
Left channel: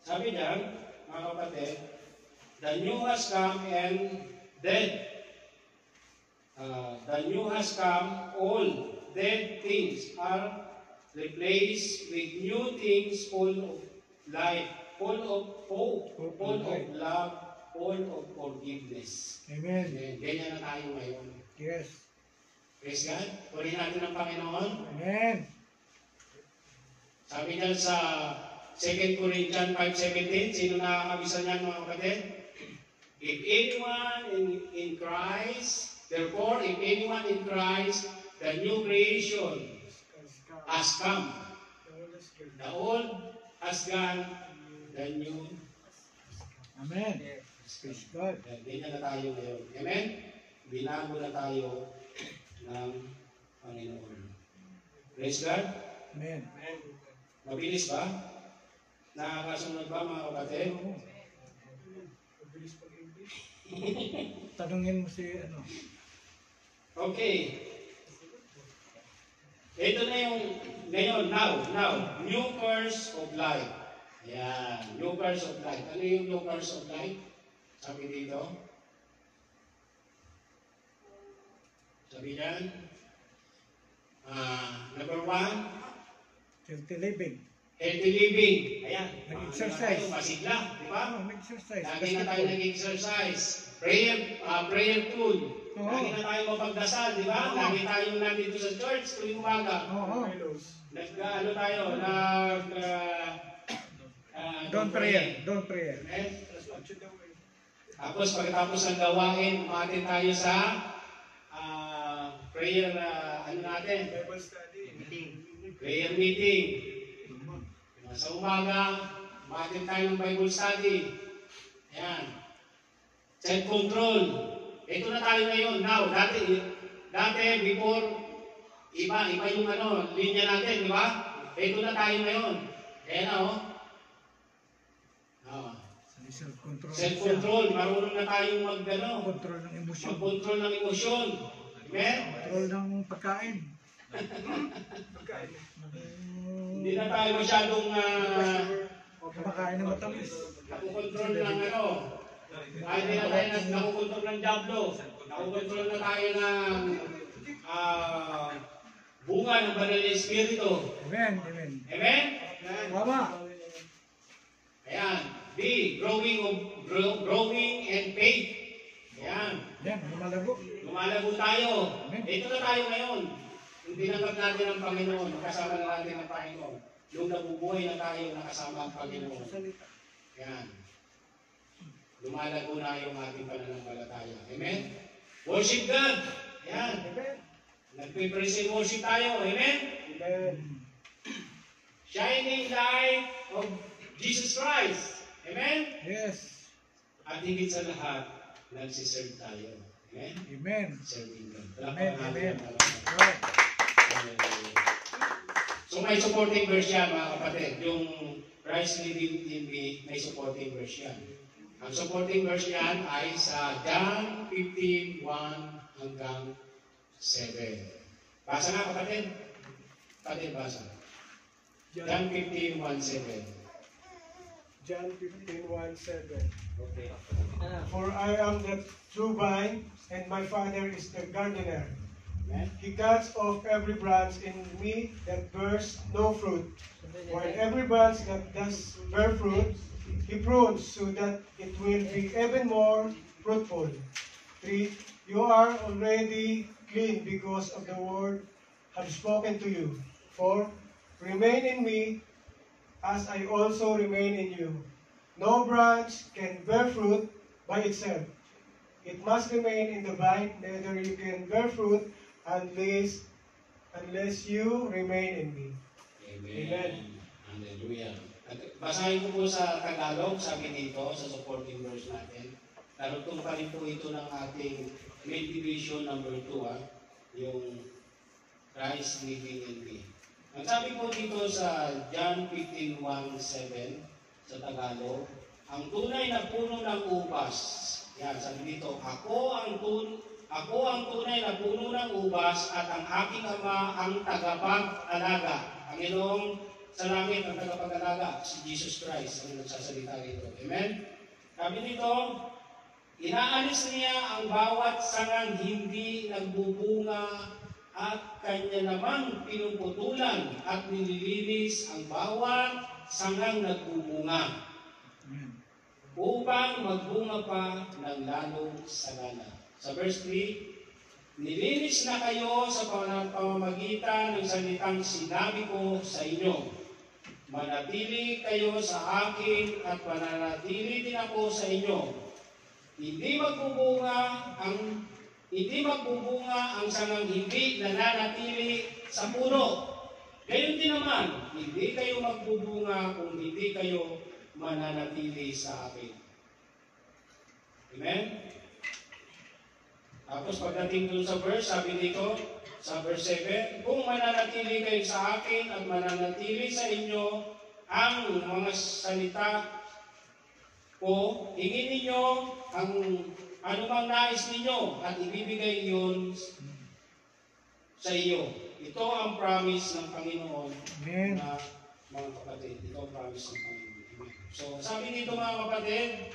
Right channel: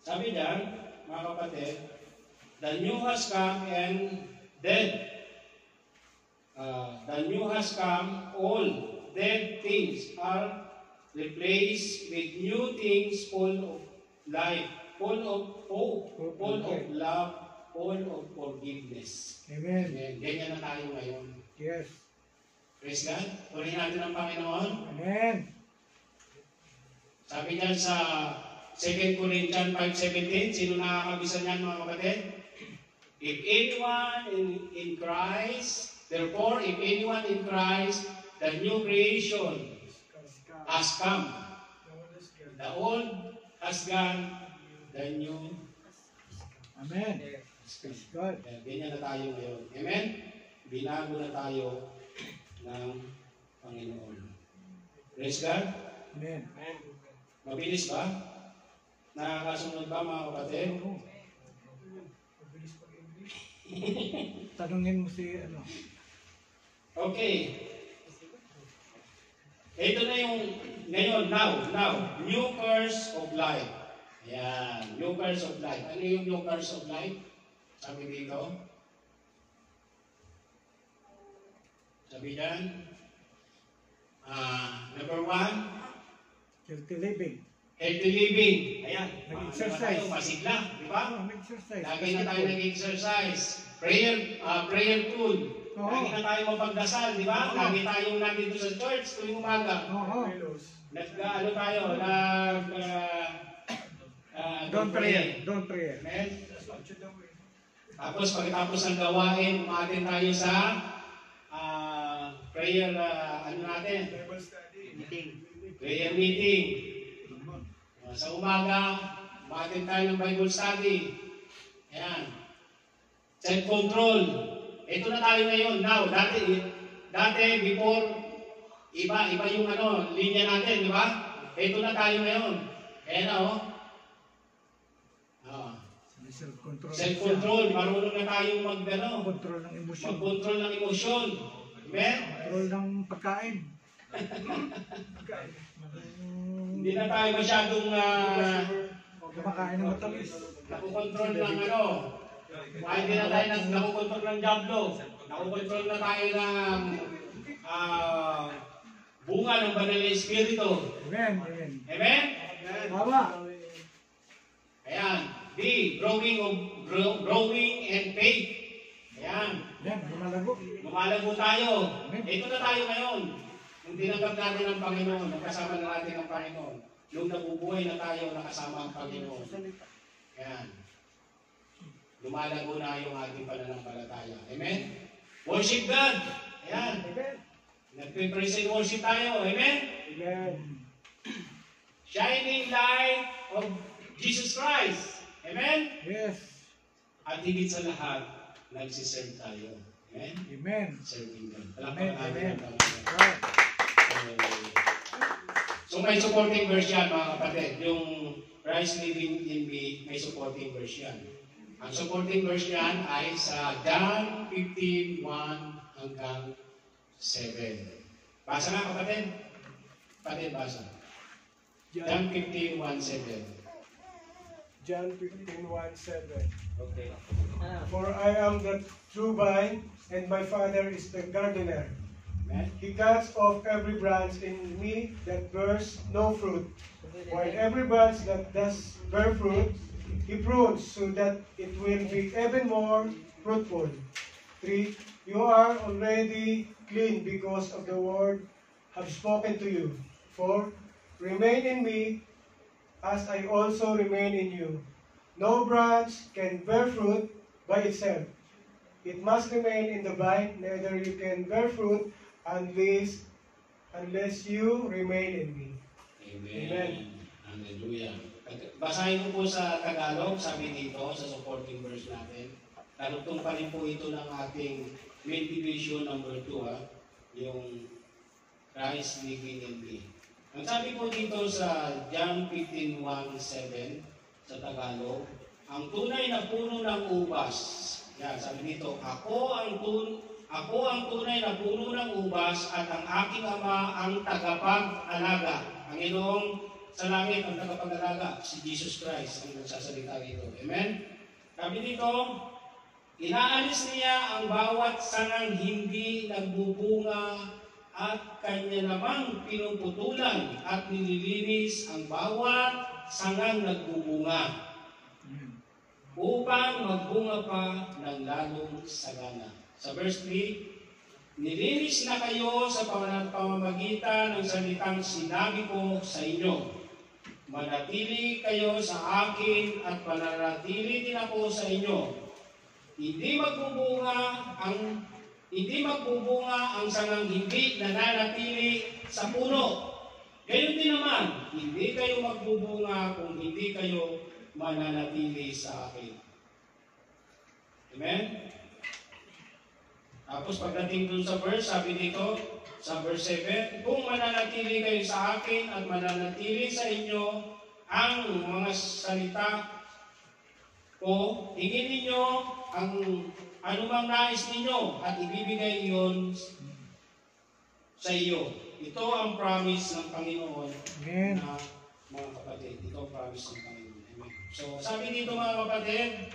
Sabi diyan, mga kapatid, the new has come and dead. The new has come, all dead things are replaced with new things full of life. full of hope, full of love, full of forgiveness. Amen. Ganyan na tayo ngayon. Yes. Praise God. Purihin natin ang Panginoon. Amen. Sabi niya sa 2 Corinthians 5:17, sino nakakabisa niyan mga kapatid? If anyone in Christ, therefore, if anyone in Christ, the new creation has come. The old has gone, the new. Amen. Praise God. Ganyan na tayo ngayon. Amen? Binago na tayo ng Panginoon. Praise God. Amen. Mabilis ba? Nakakasunod ba mga kapatid? Oo. Tanungin mo si ano. Okay. Ito na yung, ngayon, now, new curse of life. Ayan, new curse of life. Ano yung new curse of life? Sabi dito. Sabi dyan. Number 1, Healthy living. healthy living. Ayan. Nag-exercise. Pasigla, di ba? Mag-exercise. Lagi na tayo nag-exercise. Prayerful. Oo. Lagi na tayo mapagdasal, di ba? Oo. Lagi tayong nandito sa church tuwing umaga. Oo. Nag-ano tayo, Don't prayer. Don't prayer. Amen? Tapos pagkatapos ng gawain, umatin tayo sa prayer, ano natin? Prayer meeting. Sa umaga, umatin tayo ng Bible study. Ayan. Self-control. Ito na tayo ngayon. Now, dati before, iba yung linya natin, di ba? Ito na tayo ngayon. Kaya na, Self-control. Self-control. Marunong na tayong Control ng emosyon. mag-control ng emosyon. Amen? Control ng pagkain. Hindi na tayo masyadong Kumakain ng matamis. nakukontrol ng hindi na tayo nakukontrol ng diablo. Nakukontrol na tayo ng bunga ng banal na espiritu. Amen. Amen. Amen? Tama. Ayan. B, growing and faith. Ayan. Yan, lumalago. Lumalago tayo. Ito na tayo ngayon. Kung tinanggap natin ang Panginoon, nakasama na natin ang Panginoon. Nung nabubuhay na tayo, nakasama ang Panginoon. Ayan. Lumalago na yung ating pananampalataya. Amen? Worship God. Ayan. Nagpe-praise and worship tayo. Amen? Amen. Shining light of Jesus Christ. Amen? Yes. At higit sa lahat, nagsiserve tayo. Amen? Amen. Serving God. Amen. Amen. Right. So may supporting verse yan mga kapatid. Yung Christ living in me, may supporting verse yan. Ang supporting verse yan ay sa John 15:1 hanggang 7. Basa nga kapatid. Kapatid, basa. John 15:1-7. John 15:1-7. Okay. For I am the true vine, and my Father is the gardener. Amen? He cuts off every branch in me that bears no fruit, while every branch that does bear fruit, He prunes so that it will be even more fruitful. 3. You are already clean because of the word I have spoken to you. 4. Remain in me, as I also remain in you. No branch can bear fruit by itself. It must remain in the vine, neither you can bear fruit unless you remain in me. Amen. Hallelujah. Basahin ko po sa Tagalog, sabi dito, sa supporting verse natin. Narutong pa rin po ito ng ating main division number 2, yung Christ living in me. Ang sabi po dito sa John 15:1-7 sa Tagalog, ang tunay na puno ng ubas. Yan, sabi dito, ako ang tunay na puno ng ubas at ang aking ama ang tagapag-alaga. Ang Ginoong sa langit ang tagapag-alaga, si Jesus Christ ang nagsasalita dito. Amen? Sabi dito, inaalis niya ang bawat sangang hindi nagbubunga at kanya namang pinuputulan at nililinis ang bawat sangang nagbubunga Amen. upang magbunga pa ng lalong sagana. Sa verse 3, nilinis na kayo sa pamamagitan ng salitang sinabi ko sa inyo. Manatili kayo sa akin at mananatili din ako sa inyo. Hindi magbubunga ang sangang hindi nananatili sa puno. Gayon din naman, hindi kayo magbubunga kung hindi kayo mananatili sa akin. Amen? Tapos pagdating dun sa verse, sabi dito, sa verse 7, kung mananatili kayo sa akin at mananatili sa inyo ang mga salita ko, hingin ninyo ang anumang nais ninyo at ibibigay iyon sa iyo. Ito ang promise ng Panginoon. Amen. Na mga kapatid. Ito ang promise ng Panginoon. Amen. So sabi dito mga kapatid,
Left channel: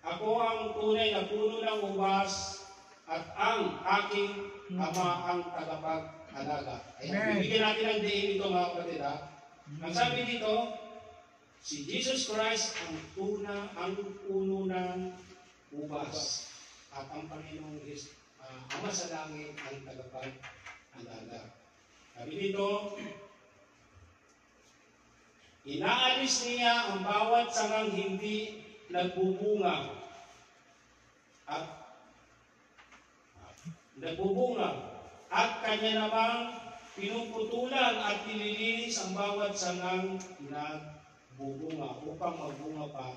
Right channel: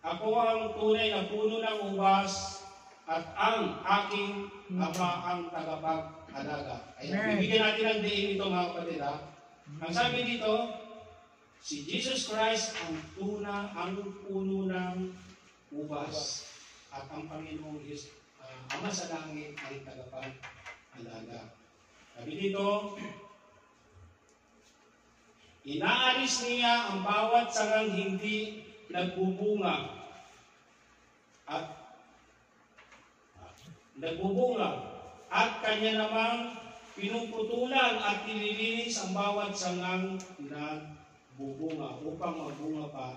ako ang tunay na puno ng ubas at ang aking ama ang tagapag-alaga. Ayan, Amen. bibigyan natin ang diin ito mga kapatid ha. Ang sabi dito, si Jesus Christ ang puno ng ubas at ang Panginoong Ama sa langit ay tagapag-alaga. Sabi dito, inaalis niya ang bawat sangang hindi nagbubunga at kanya namang pinuputulan at nililinis ang bawat sangang nagbubunga upang magbunga pa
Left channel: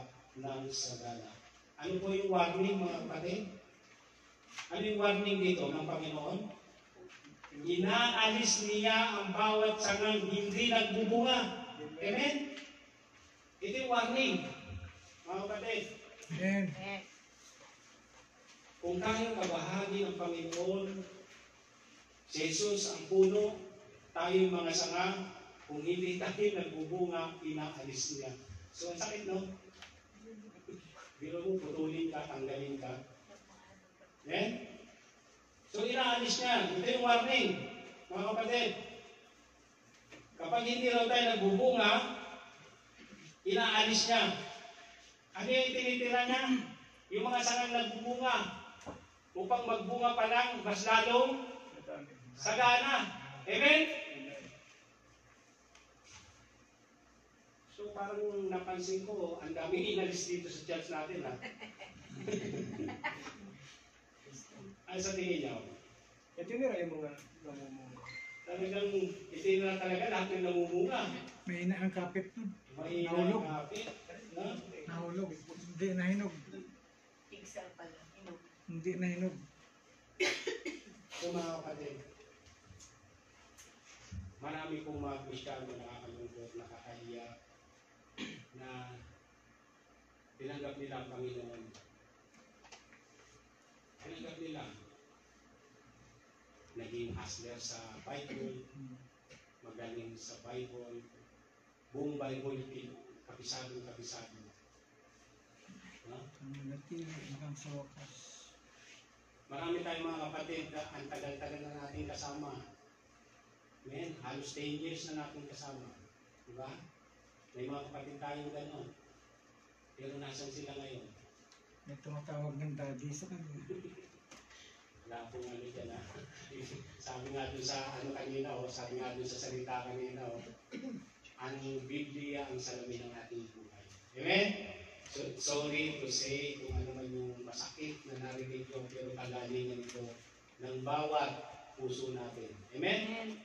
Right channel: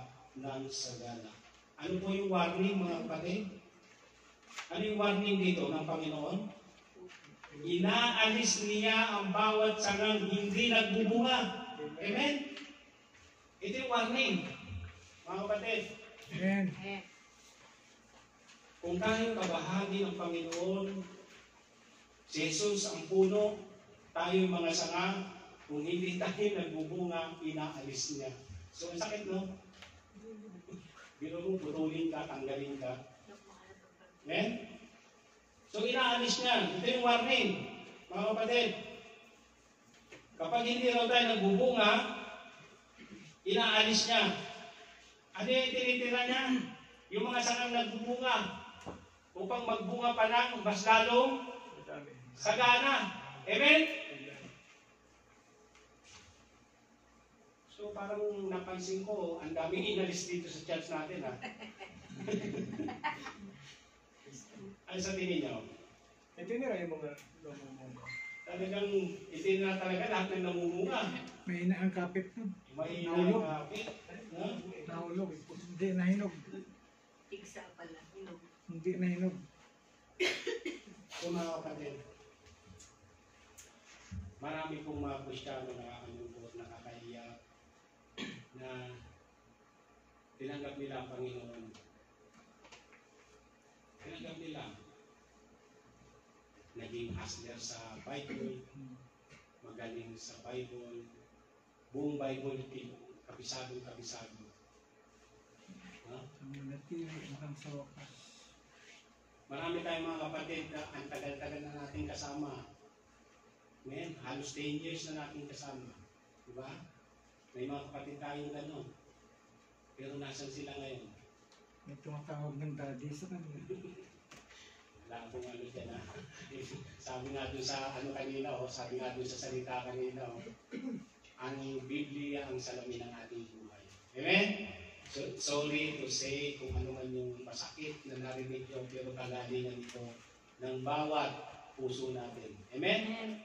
ng sagana. Ano po yung warning mga kapatid? Ano yung warning dito ng Panginoon? Inaalis niya ang bawat sangang hindi nagbubunga. Amen? Ito yung warning, mga kapatid. Amen. Kung tayong kabahagi ng Panginoon, si Jesus ang puno, tayo yung mga sanga, kung hindi tayo nagbubunga, inaalis niya. So, ang sakit, no? Biro mo, putulin ka, tanggalin ka. Amen? So, inaalis niya. Ito yung warning, mga kapatid. Kapag hindi raw tayo nagbubunga, inaalis niya. Ano yung tinitira niya? Yung mga sangang nagbubunga upang magbunga pa ng mas lalong sagana. Amen? So parang napansin ko, ang daming inalis dito sa church natin, ha? Ano sa tingin niyo? Ito nila yung mga namumunga. Talagang itinira talaga lahat ng namumunga. May ina ang kapit nun. May Nahulog. kapit. Ha? Nahulog. Hindi nahinog. Tigsa pala. Hinog. Hindi nahinog. So mga kapatid, marami pong mga Kristiyano na nakakalungkot, nakakaiyak, na tinanggap nila ang Panginoon. Tinanggap nila. Naging hustler sa Bible, magaling sa Bible, buong Bible, kapisado. Huh? Ang manatili hanggang sa wakas. Marami tayong mga kapatid na ang tagal-tagal na natin kasama. Amen? Halos 10 years na natin kasama. Diba? May mga kapatid tayong gano'n. Pero nasan sila ngayon? May tumatawag ng daddy sa kanila. Wala akong ano dyan ha. Sabi nga doon sa ano kanina sabi nga doon sa salita kanina ang Biblia ang salamin ng ating buhay. Amen? So, sorry to say kung ano man yung masakit na narinig nyo, pero kagalingan ito ng bawat puso natin. Amen?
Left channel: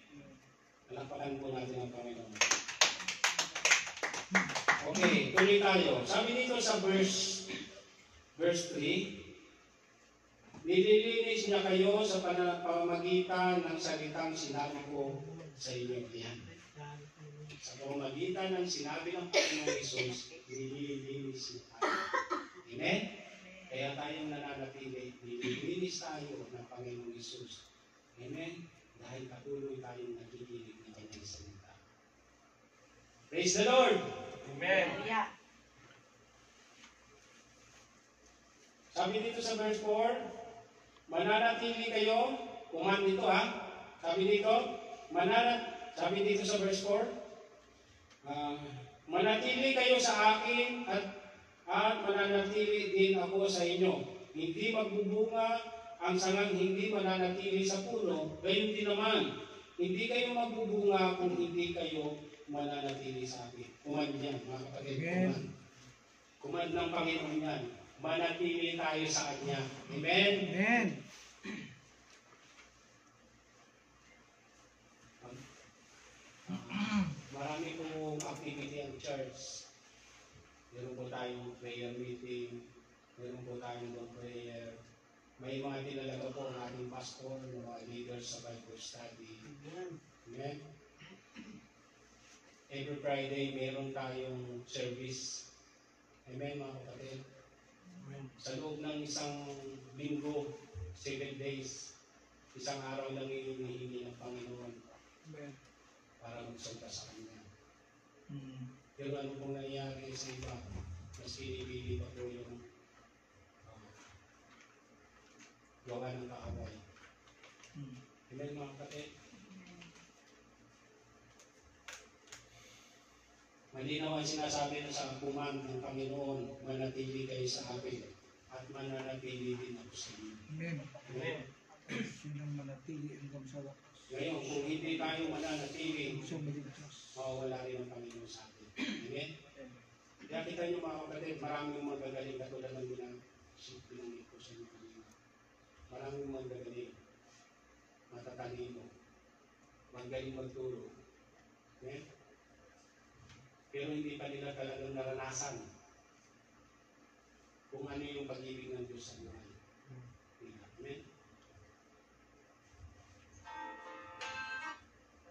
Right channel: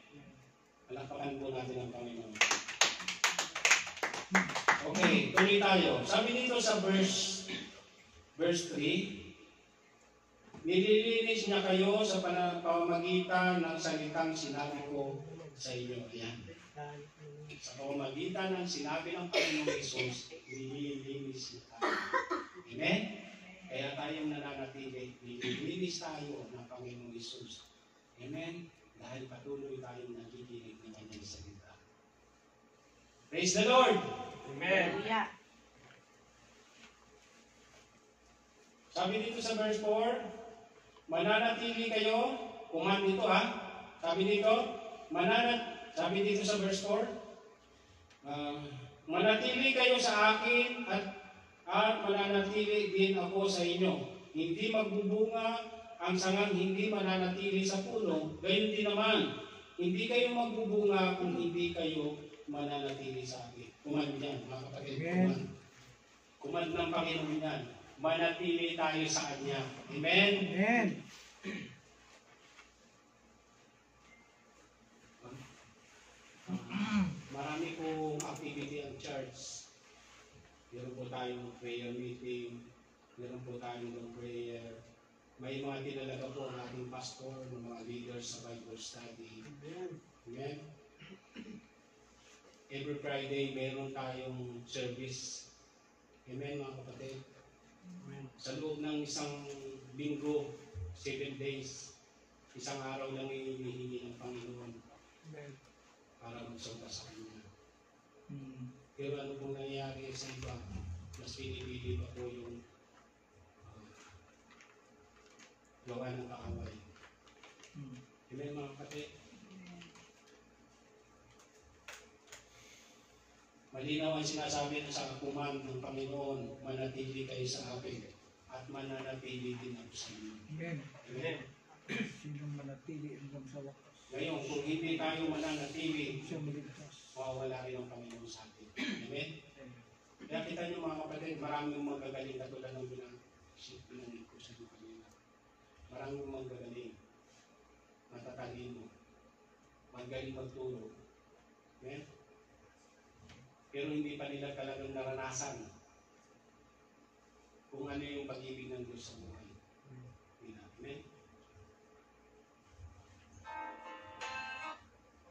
Palakpakan po natin ang Panginoon. Okay, tuloy tayo. Sabi dito sa verse 3, nililinis niya kayo sa pamamagitan ng salitang sinabi ko sa inyo. Ayan. Sa pamamagitan ng sinabi ng Panginoong Hesus, nililinis niya tayo. Amen? Kaya tayong nananatili, nililinis tayo ng Panginoong Hesus. Amen? Dahil patuloy tayong nakikinig ng kanyang salita. Praise the Lord! Amen. Hallelujah. Sabi dito sa verse 4, mananatili kayo, kuman dito sabi dito sa verse 4, manatili kayo sa akin at at mananatili din ako sa inyo. Hindi magbubunga ang sangang hindi mananatili sa puno, gayon din naman. Hindi kayo magbubunga kung hindi kayo mananatili sa akin. Command yan, mga kapatid. Amen. Command ng Panginoon yan. Manatili tayo sa Kanya. Amen? Amen. Marami pong activity ang church. Meron po tayong prayer meeting. Meron po tayong long prayer. May mga tinalaga po ang ating pastor, ng mga leaders sa Bible study. Amen? Every Friday, meron tayong service. Amen, mga kapatid? Sa loob ng isang linggo, 7 days, isang araw lang hinihingi ng Panginoon para magsunta sa Kanya. Pero ano pong nangyayari sa iba, mas pinipili pa po yung gawa ng kaaway. Amen, mga kapatid? Malinaw ang sinasabi na sa kakuman ng Panginoon, manatili kayo sa akin at mananatili din ako sa inyo. Amen. Amen. Sinong manatili hanggang sa wakas. Ngayon, kung hindi tayo mananatili, Sumiligtas. mawawala rin ang Panginoon sa atin. Amen? Kaya kita niyo mga kapatid, maraming magagaling katulad ng binanggit ko sa inyo kanina. Maraming magagaling, matatalino, magaling magturo. Amen? Pero hindi pa nila talagang naranasan kung ano yung pag-ibig ng Diyos sa buhay nila. Amen?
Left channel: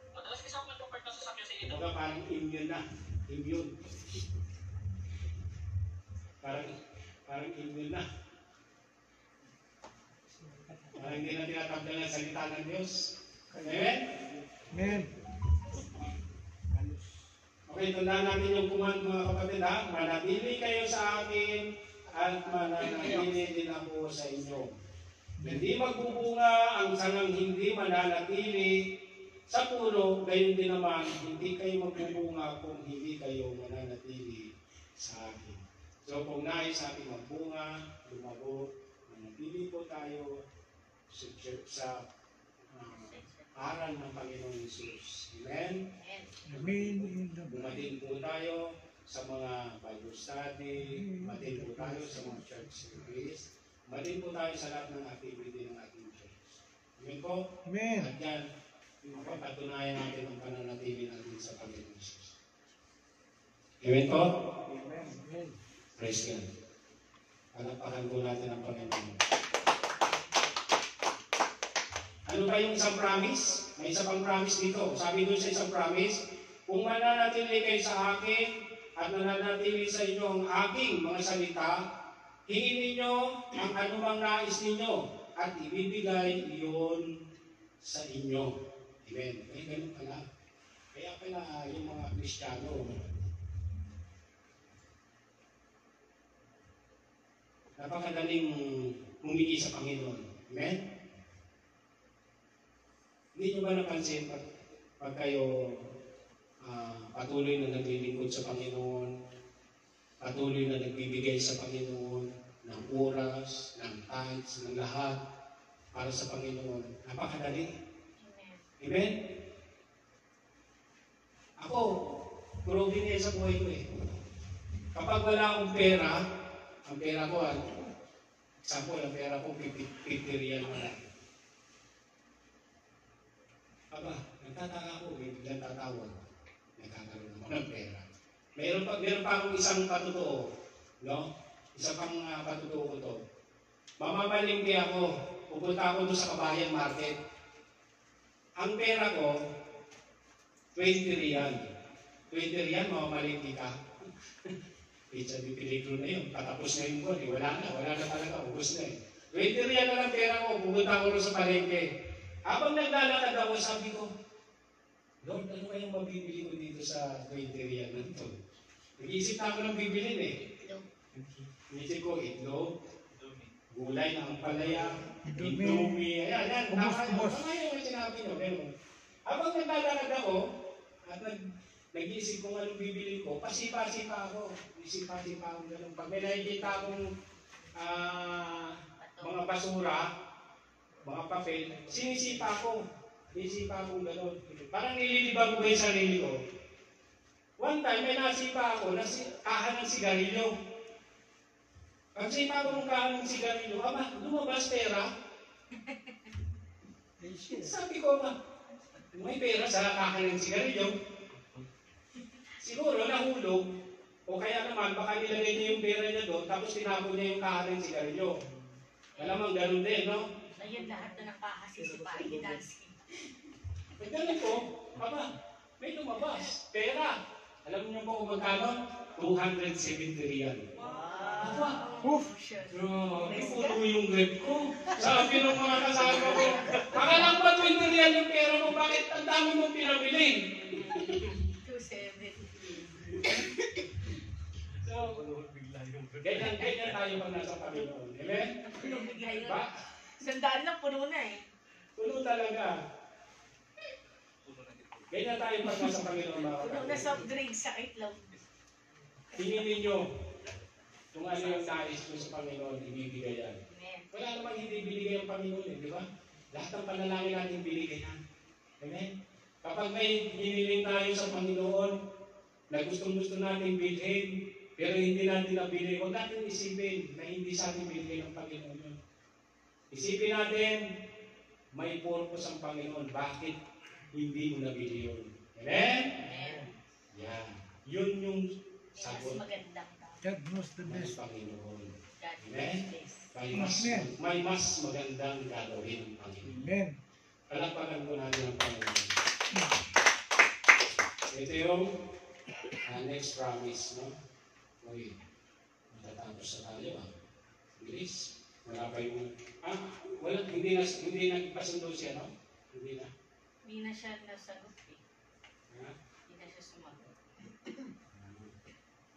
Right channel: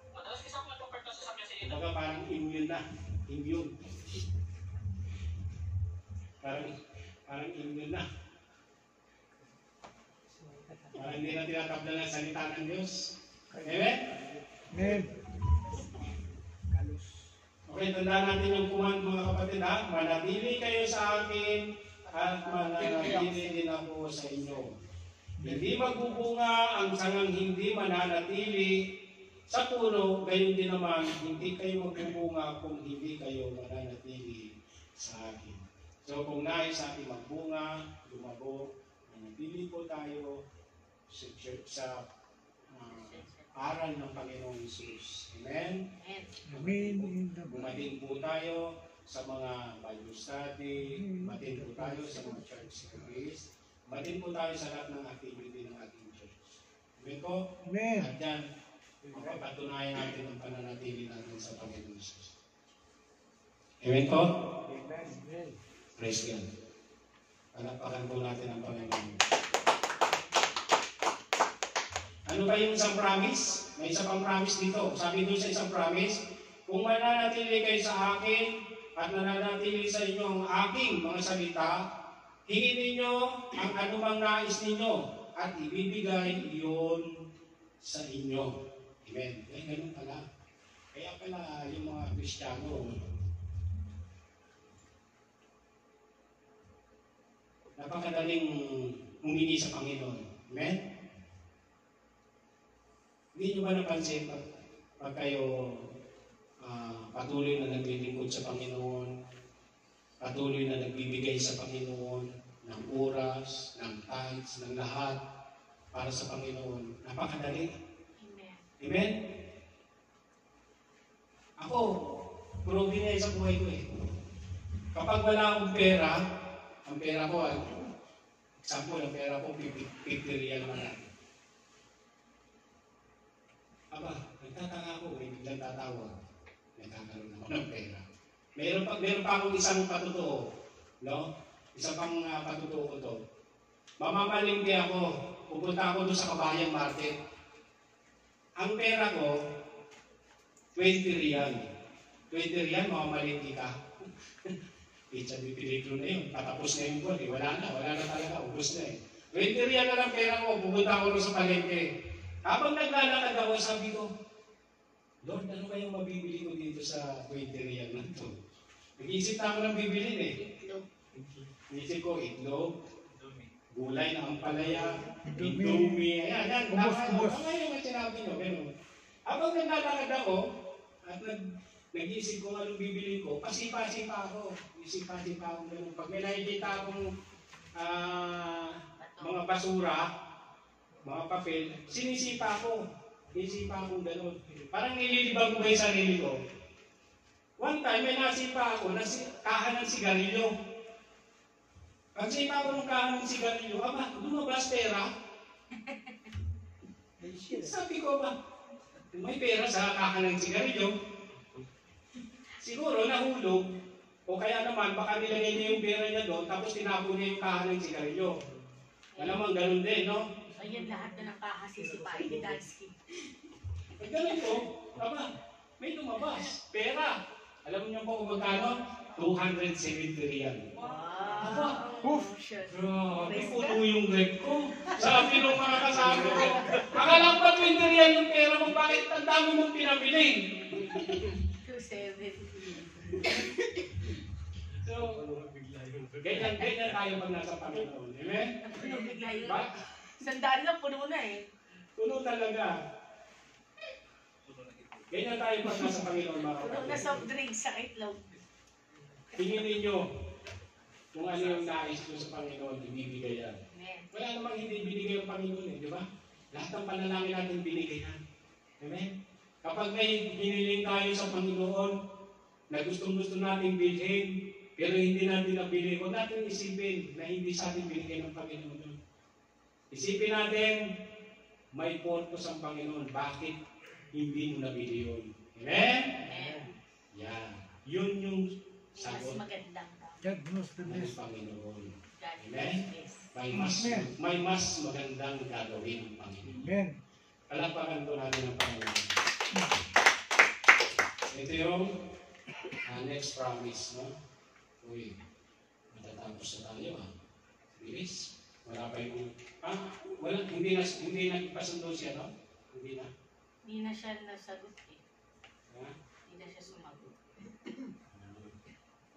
Madalas isang matupad na sasakyan sa ito. Kumbaga parang immune na. Immune. Parang immune na. Parang hindi na tinatabla ng salita ng Diyos. Amen? Amen. Okay, tandaan natin yung command mga kapatid ha. Manatili kayo sa akin at mananatili din ako sa inyo. Hindi magbubunga ang sangang hindi mananatili sa puno, gayon din naman, hindi kayo magbubunga kung hindi kayo mananatili sa akin. So kung nais natin magbunga, lumago, manatili po tayo sa aral ng Panginoong Hesus. Amen? Amen. In the blood. Bumatin po tayo sa mga Bible study, bumatin po tayo sa mga church service, bumatin po tayo sa lahat ng activity ng ating church. Amen po? Amen. At yan, mapapatunayan natin ang pananatili natin sa Panginoong Hesus. Amen po? Amen. Praise God. Palapakan po natin ang Panginoon. Ano ba yung isang promise? May isa pang promise dito. Sabi doon sa isang promise, kung mananatili kayo sa akin at mananatili sa inyo ang aking mga salita, hingin ninyo ang anumang nais ninyo at ibibigay iyon sa inyo. Amen. Kaya ganun pala. Kaya pala yung mga Kristiyano, napakadaling humingi sa Panginoon. Amen? Hindi nyo ba napansin pag kayo patuloy na naglilingkod sa Panginoon, patuloy na nagbibigay sa Panginoon ng oras, ng tithes, ng lahat para sa Panginoon, napakadali. Amen. Amen? Ako, proven na sa buhay ko eh. Kapag wala akong pera, ang pera ko, example, ang pera ko, 50 real na. Aba, nagtataka ko, may biglang tatawag. Nagkakaroon naman ng pera. Meron pa akong isang patotoo, no? Isa pang patotoo ko to. Mamamalingki ako, pupunta ako doon sa Kabayan Market. Ang pera ko, 20 real. 20 real, mamamalingki ka. Pizza di peligro na yun. Patapos na yung buwan. Wala na talaga. Ubus na eh. 20 real na lang pera ko. Pupunta ako sa palengke. Habang naglalakad ako, sabi ko, Lord, ano kayong mabibili ko dito sa 20 real na ito? Nag-iisip na ako ng bibilin eh. Iisip ko, itlog, gulay na ampalaya, indomie, ayan, Ubus. tama yung sinabi nyo. Pero, habang naglalakad ako, at nag-iisip kung anong bibili ko, pasipa-sipa ako. Isipa-sipa ako ganun. Pag may nakikita akong mga basura, mga papel, sinisipa ko. Sinisipa akong ganun. Parang nililibang ko yung sarili ko. One time, may nasipa ako na kahan ng sigarilyo. Pag sipa ko ng kahan ng sigarilyo, lumabas pera. Sabi ko ba, may pera sa kahan ng sigarilyo. Siguro nahulog, o kaya naman baka nilagay niya yung pera niya doon, tapos tinapon niya yung kahan ng sigarilyo. Malamang ganun din, no? Ayan lahat na nakakasisipain ni Dansky. Pag ganun po, may lumabas. Pera. Alam niyo po kung magkano? 270 riyal. Aba, grabe, puno yung rep ko. Sabi ng mga kasama ko, akalang ba 20 riyal yung pera mo? Bakit ang dami mong pinabili? 270. So, ganyan tayo pag nasa Panginoon. Amen? Puno bigla yun. Ba? Sandaan lang, puno na eh. Puno talaga. Ganyan tayo pag nasa Panginoon, mga Puno na kapatid. soft drinks, sakit lang. Tingin ninyo kung ano yung nais ko sa Panginoon, ibibigay yan. Amen. Wala namang hindi binigay ang Panginoon di ba? Lahat ng panalangin natin binigay yan. Amen? Kapag may biniling tayo sa Panginoon, na gustong-gusto natin bilhin, pero hindi natin nabili, huwag natin isipin na hindi sa atin binigay ng Panginoon yun. Isipin natin, may purpose ang Panginoon. Bakit hindi mo nabili yun? Amen? Amen. Yan. Yun yung Mas sagot magandang God knows the ng best. Panginoon. God Amen? bless. May mas magandang gagawin ng Panginoon. Amen. Palakpakan po natin ang Panginoon. Ito yung next promise, no? Uy, matatapos na tayo, Bilis. Wala pa yung... hindi nagpasundo siya, no? Hindi na. Hindi na siya nasagot eh. Ha? Hindi na siya sumagot.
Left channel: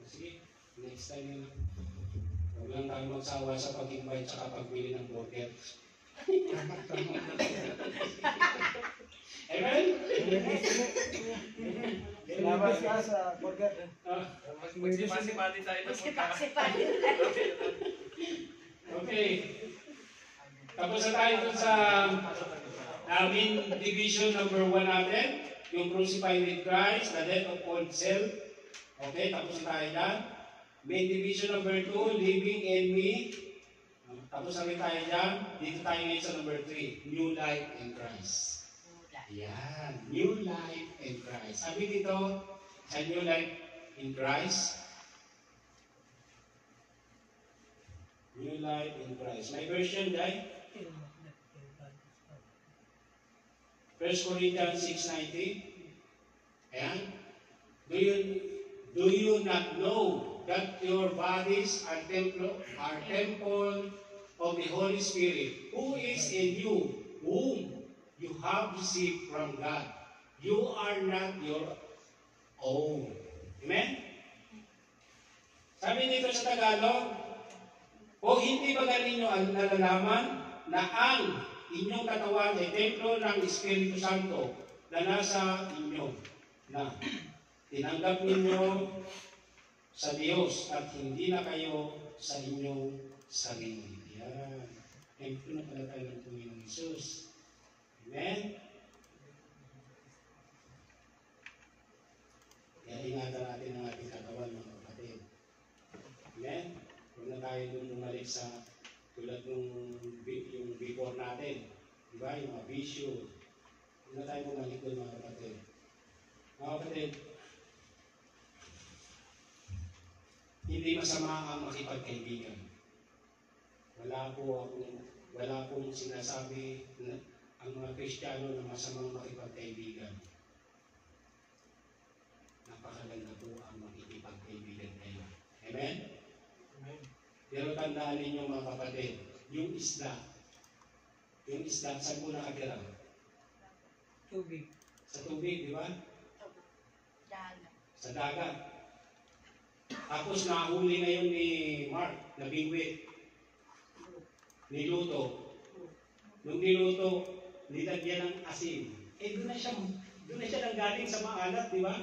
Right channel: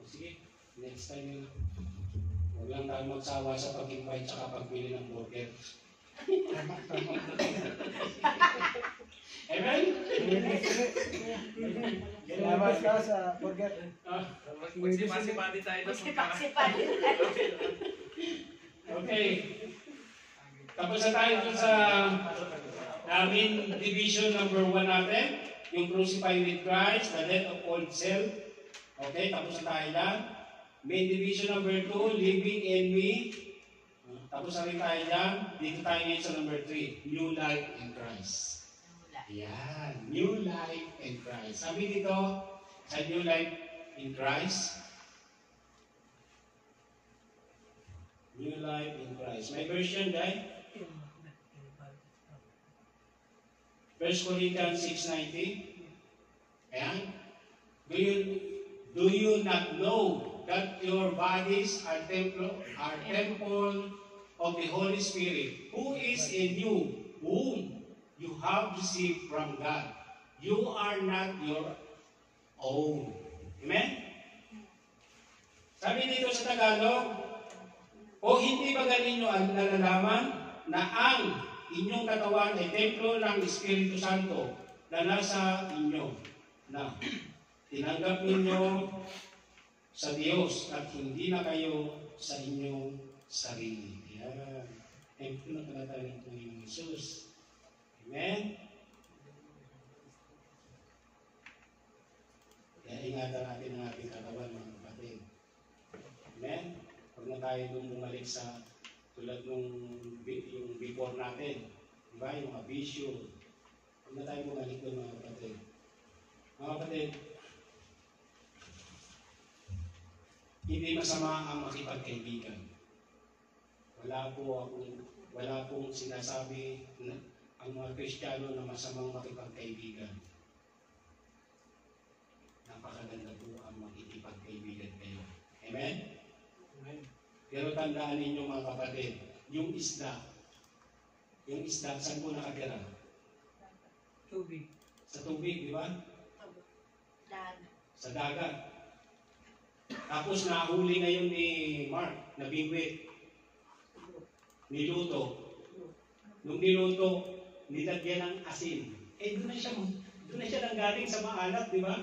Sige, next time na lang. Huwag lang tayo magsawa sa pag-invite at pagbili ng burger. Tama. Amen? Salamat ka sa burger. Magsipasi-pati tayo. Magsipa-sipa. Okay. Tapos na tayo dun sa namin division number 1 natin. Yung crucified with Christ, the death of old self. Okay, tapos na tayo dyan. Main division number 2, living in me. Tapos na rin tayo dyan. Dito tayo ngayon sa number 3, new life in Christ. Yan, new life in Christ. Sabi dito, sa new life in Christ, new life in Christ. May version, guys? 1 Corinthians 6:19. Ayan. Do you not know that your bodies are temple of the Holy Spirit, who is in you, whom you have received from God? You are not your own. Amen? Sabi dito sa Tagalog, o hindi ba ganinyo nalalaman na ang inyong katawan ay templo ng Espiritu Santo na nasa inyo, na tinanggap ninyo sa Diyos at hindi na kayo sa inyong sarili. Yan. Templo na pala tayo ng Panginoong Isus. Amen? Kaya ingatan natin ang ating katawan, mga kapatid. Amen? Huwag na tayo nung bumalik sa tulad nung yung before natin. Diba? Yung mga bisyo. Huwag na tayo bumalik doon, mga kapatid. Mga kapatid, hindi masama ang makipagkaibigan. Wala pong sinasabi na ang mga Kristiyano na masamang makipagkaibigan. Napakaganda po ang makikipagkaibigan kayo. Amen? Amen. Pero tandaan ninyo, mga kapatid, yung isda, saan po nakatira? Tubig. Sa tubig, di ba? Sa dagat. Tapos nahuli na yun ni Mark, na bingwit. Niluto. Nung niluto, nilagyan ng asin. Doon na siya nanggaling sa maalat, di ba?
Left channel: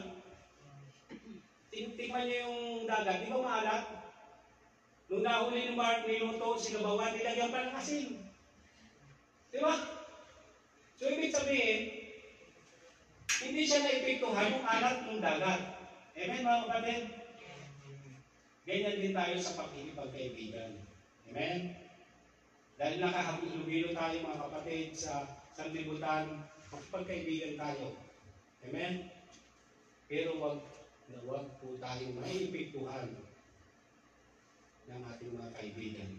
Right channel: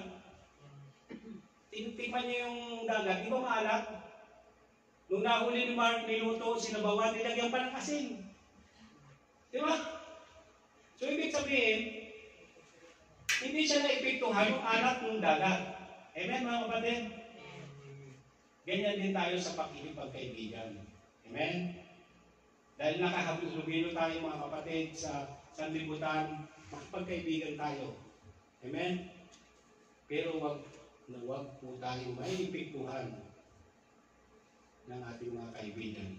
Tingnan niyo yung dagat, di ba maalat? Nung nahuli ni Mark, niluto, sinabawan, nilagyan pa ng asin. Di ba? So, ibig sabihin, hindi siya naepektuhan yung alat ng dagat. Amen, mga kapatid? Ganyan din tayo sa pagkikipagkaibigan. Amen? Dahil nakahalubilo tayo, mga kapatid, sa sanlibutan, magpagkaibigan tayo. Amen? Pero wag po tayo maipiktuhan ng ating mga kaibigan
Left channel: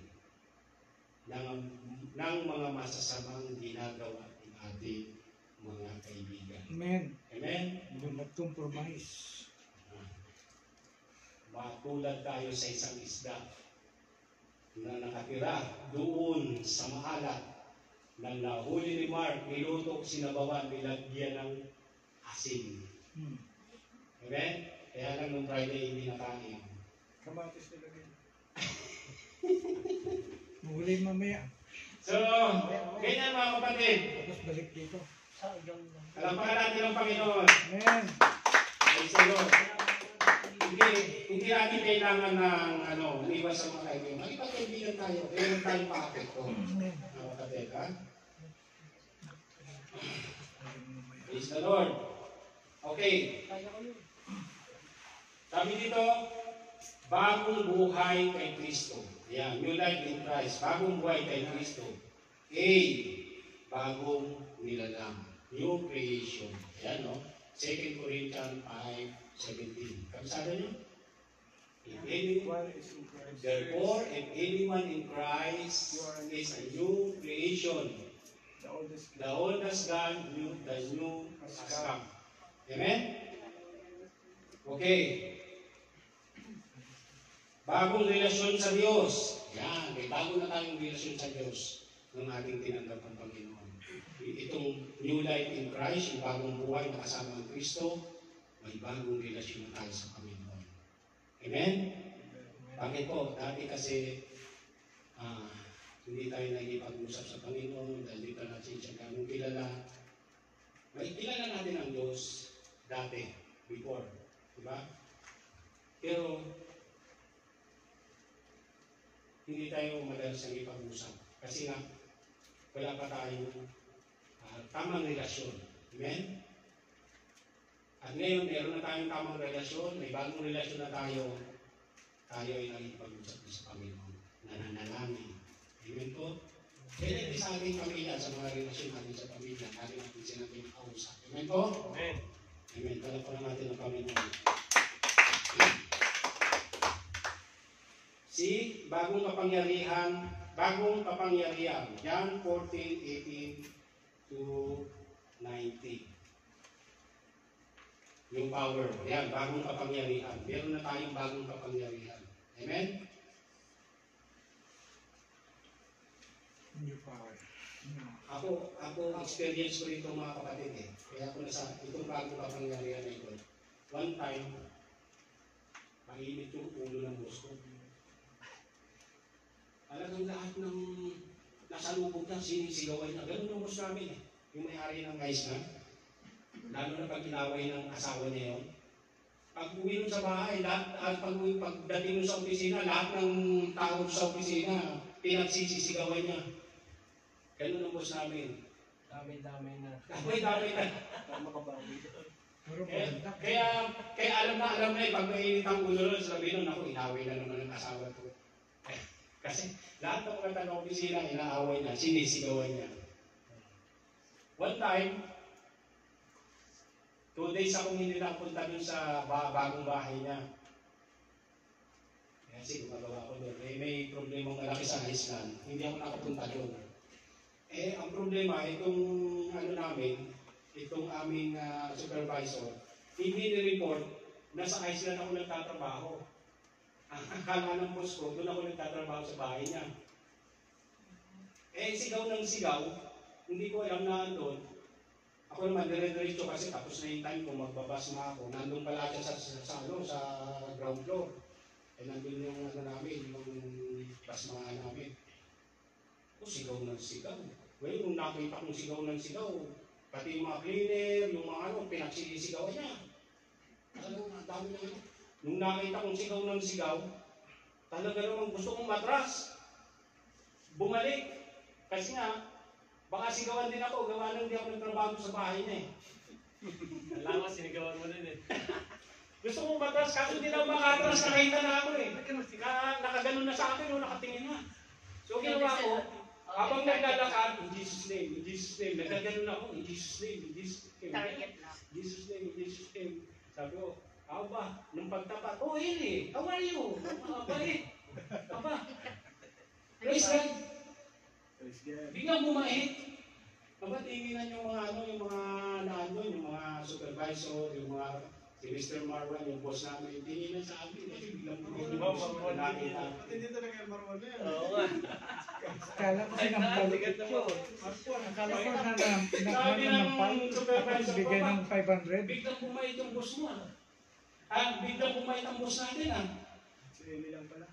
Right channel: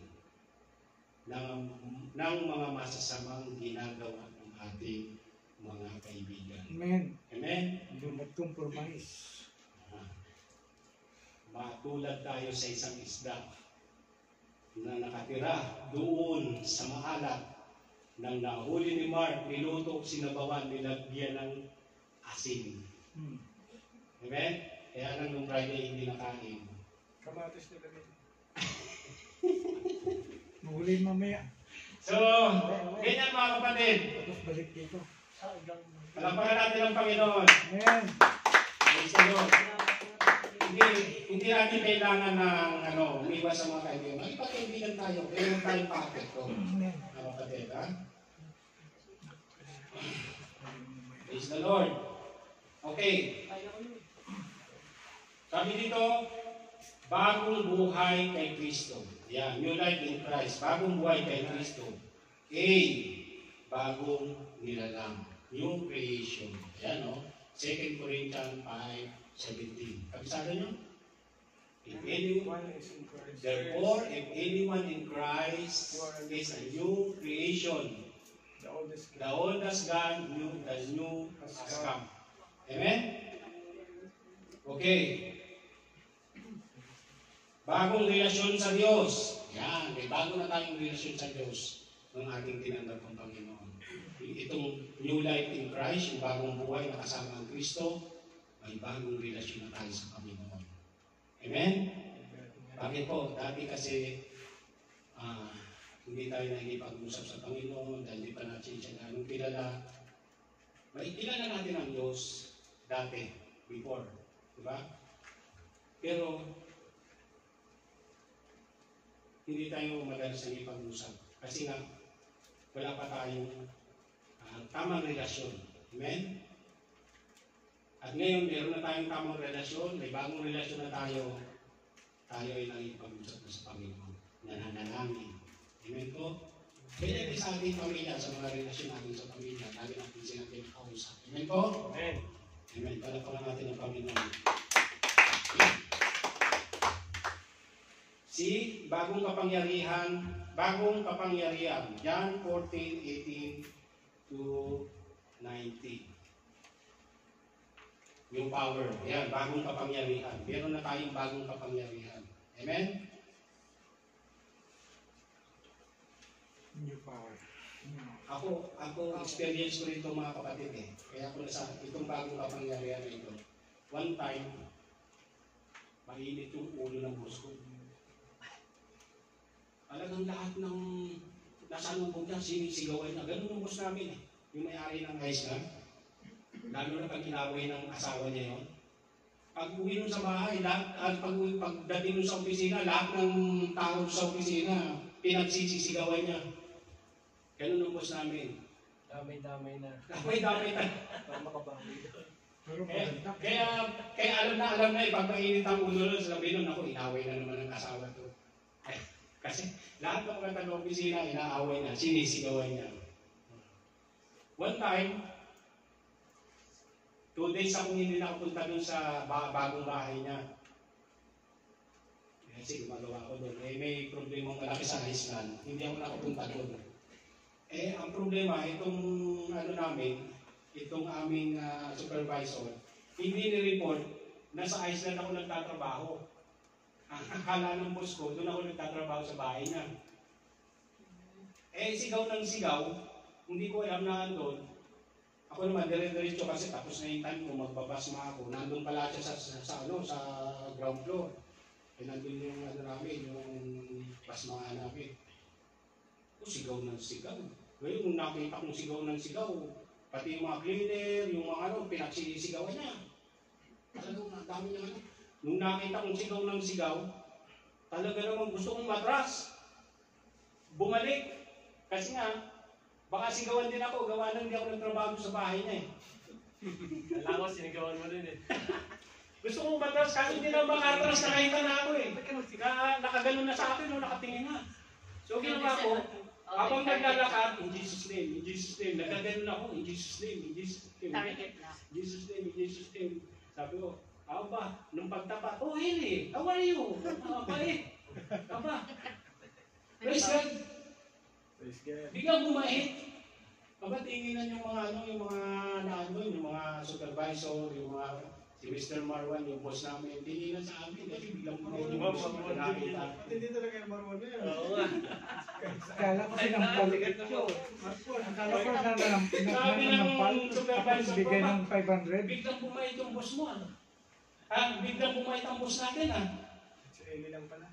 ng mga masasamang ginagawa ng ating mga kaibigan. Amen. Amen? Do not compromise. Matulad tayo sa isang isda na nakatira doon sa maalat. Nang nahuli ni Mark, niluto, sinabawan, nilagyan ng asin. Amen? Kaya lang nung Friday hindi nakain. Kamatis nilagay. Mahuli mamaya. So, ganyan mga kapatid. Tapos balik dito. Kalampakan natin ang Panginoon. Amen. Praise the Lord. Hindi natin kailangan ng umiwas sa mga kaibigan. Magpagkaibigan tayo. Kailangan tayong pakit ko. Amen. Mga kapatid, ha? Praise the Lord. Okay. Sabi dito, bagong buhay kay Kristo. Yan, new life in Christ. Bagong buhay kay Kristo. A, bagong nilalang. New creation. Yan, no? 2 Corinthians 5:17. Kabisado nyo? Therefore, if anyone in Christ is a new creation, the old has gone, the new has come. Amen? Okay. Bagong relasyon sa Diyos. Yan, may bago na tayong relasyon sa Diyos ng ating tinanggap ng Panginoon. Itong new life in Christ, yung bagong buhay na kasama ang Kristo, may bagong relasyon na tayo sa Panginoon. Amen? Bakit po? Dati kasi hindi tayo nakikipag-usap sa Panginoon dahil hindi pa natin siya ganong kilala. May kilala natin ang Diyos dati, before. Diba? Pero, hindi tayo madalas nakikipag-usap. Kasi nga, wala pa tayong tamang relasyon. Amen? At ngayon, meron na tayong tamang relasyon, may bagong relasyon na tayo. Tayo ay nakikipag-usap na sa Panginoon. Nananalangin. Amen po? Kaya din sa ating pamilya, sa mga relasyon natin sa pamilya, natin natin sila kausap. Amen po? Amen. Amen. Palapalan natin ang Panginoon. Si bagong kapangyarihan, John 14:18 to 19. Yung power, yan, bagong kapangyarihan. Meron na tayong bagong kapangyarihan. Amen? New power. Ako, experience ko rito mga kapatid eh. Kaya ako nasa itong bagong kapangyarihan na ito. One time, mainit yung ulo ng boss ko. Talagang lahat ng nasalubog niya, sinisigawan na. Ganun yung boss namin eh. Yung may-ari ng guys na. Lalo na pag kinaway ng asawa niya yun. Pag uwi nun sa bahay, pagdating nun sa opisina, lahat ng tao sa opisina, pinagsisisigawan niya. Ganun ang boss namin. Damay-damay na. Damay-damay na. Pero maganda. Kaya alam na pag mainit ang ulo nun, sabi nun, ako, inaway na naman ang asawa ko. Kasi lahat ng mga ng opisina, inaaway na, sinisigawan niya. One time, 2 days akong hindi nakapunta dun sa bagong bahay niya. Kasi gumagawa ko doon. May problemang malaki sa Iceland. Hindi ako nakapunta doon. Ang problema, itong aming supervisor, hindi ni-report na sa Iceland ako nagtatrabaho. Ang akala ng boss ko, doon ako nagtatrabaho sa bahay niya. Sigaw ng sigaw, hindi ko alam na doon. Ako naman, dire-diretso kasi tapos na yung time kung magbabasma ako. Nandun pala siya sa ground floor. Nandun yung namin, yung basmahan namin. Sigaw ng sigaw. Ngayon, kung nakita kong sigaw ng sigaw, pati yung mga cleaner, yung mga pinagsisigawan niya. Alam mo, ang dami naman. Nung nakita kong sigaw ng sigaw, talaga namang gusto kong matras. Bumalik. Kasi nga, baka sigawan din ako, gawa lang di ako nagtrabaho sa bahay niya eh. Alam ko, sinigawan mo rin eh. Gusto kong matras, kasi hindi na makatras, nakita na ako eh. Nakaganon na sa akin, no, nakatingin na. So ginawa ko, habang naglalakad, in Jesus' name, nagkaganon ako, in Jesus' name, in Jesus' name, Target na. in Jesus' name, in Jesus' name. Sabi ko, aba, nung pagtapat, oh Eli, how are you? Abay, aba. Praise God. Biglang bumait. Aba, tinginan yung mga yung mga supervisor, yung mga si Mr. Marwan, yung boss namin, tinginan sa amin kasi biglang bumait yung boss nakita. Hindi talaga yung Marwan na yan. Oo nga. Akala ko sinampal. Akala ko nanampal. Tapos bigay ng 500. Biglang bumait yung boss mo. Biglang bumait ang boss natin. Si Eli lang pala.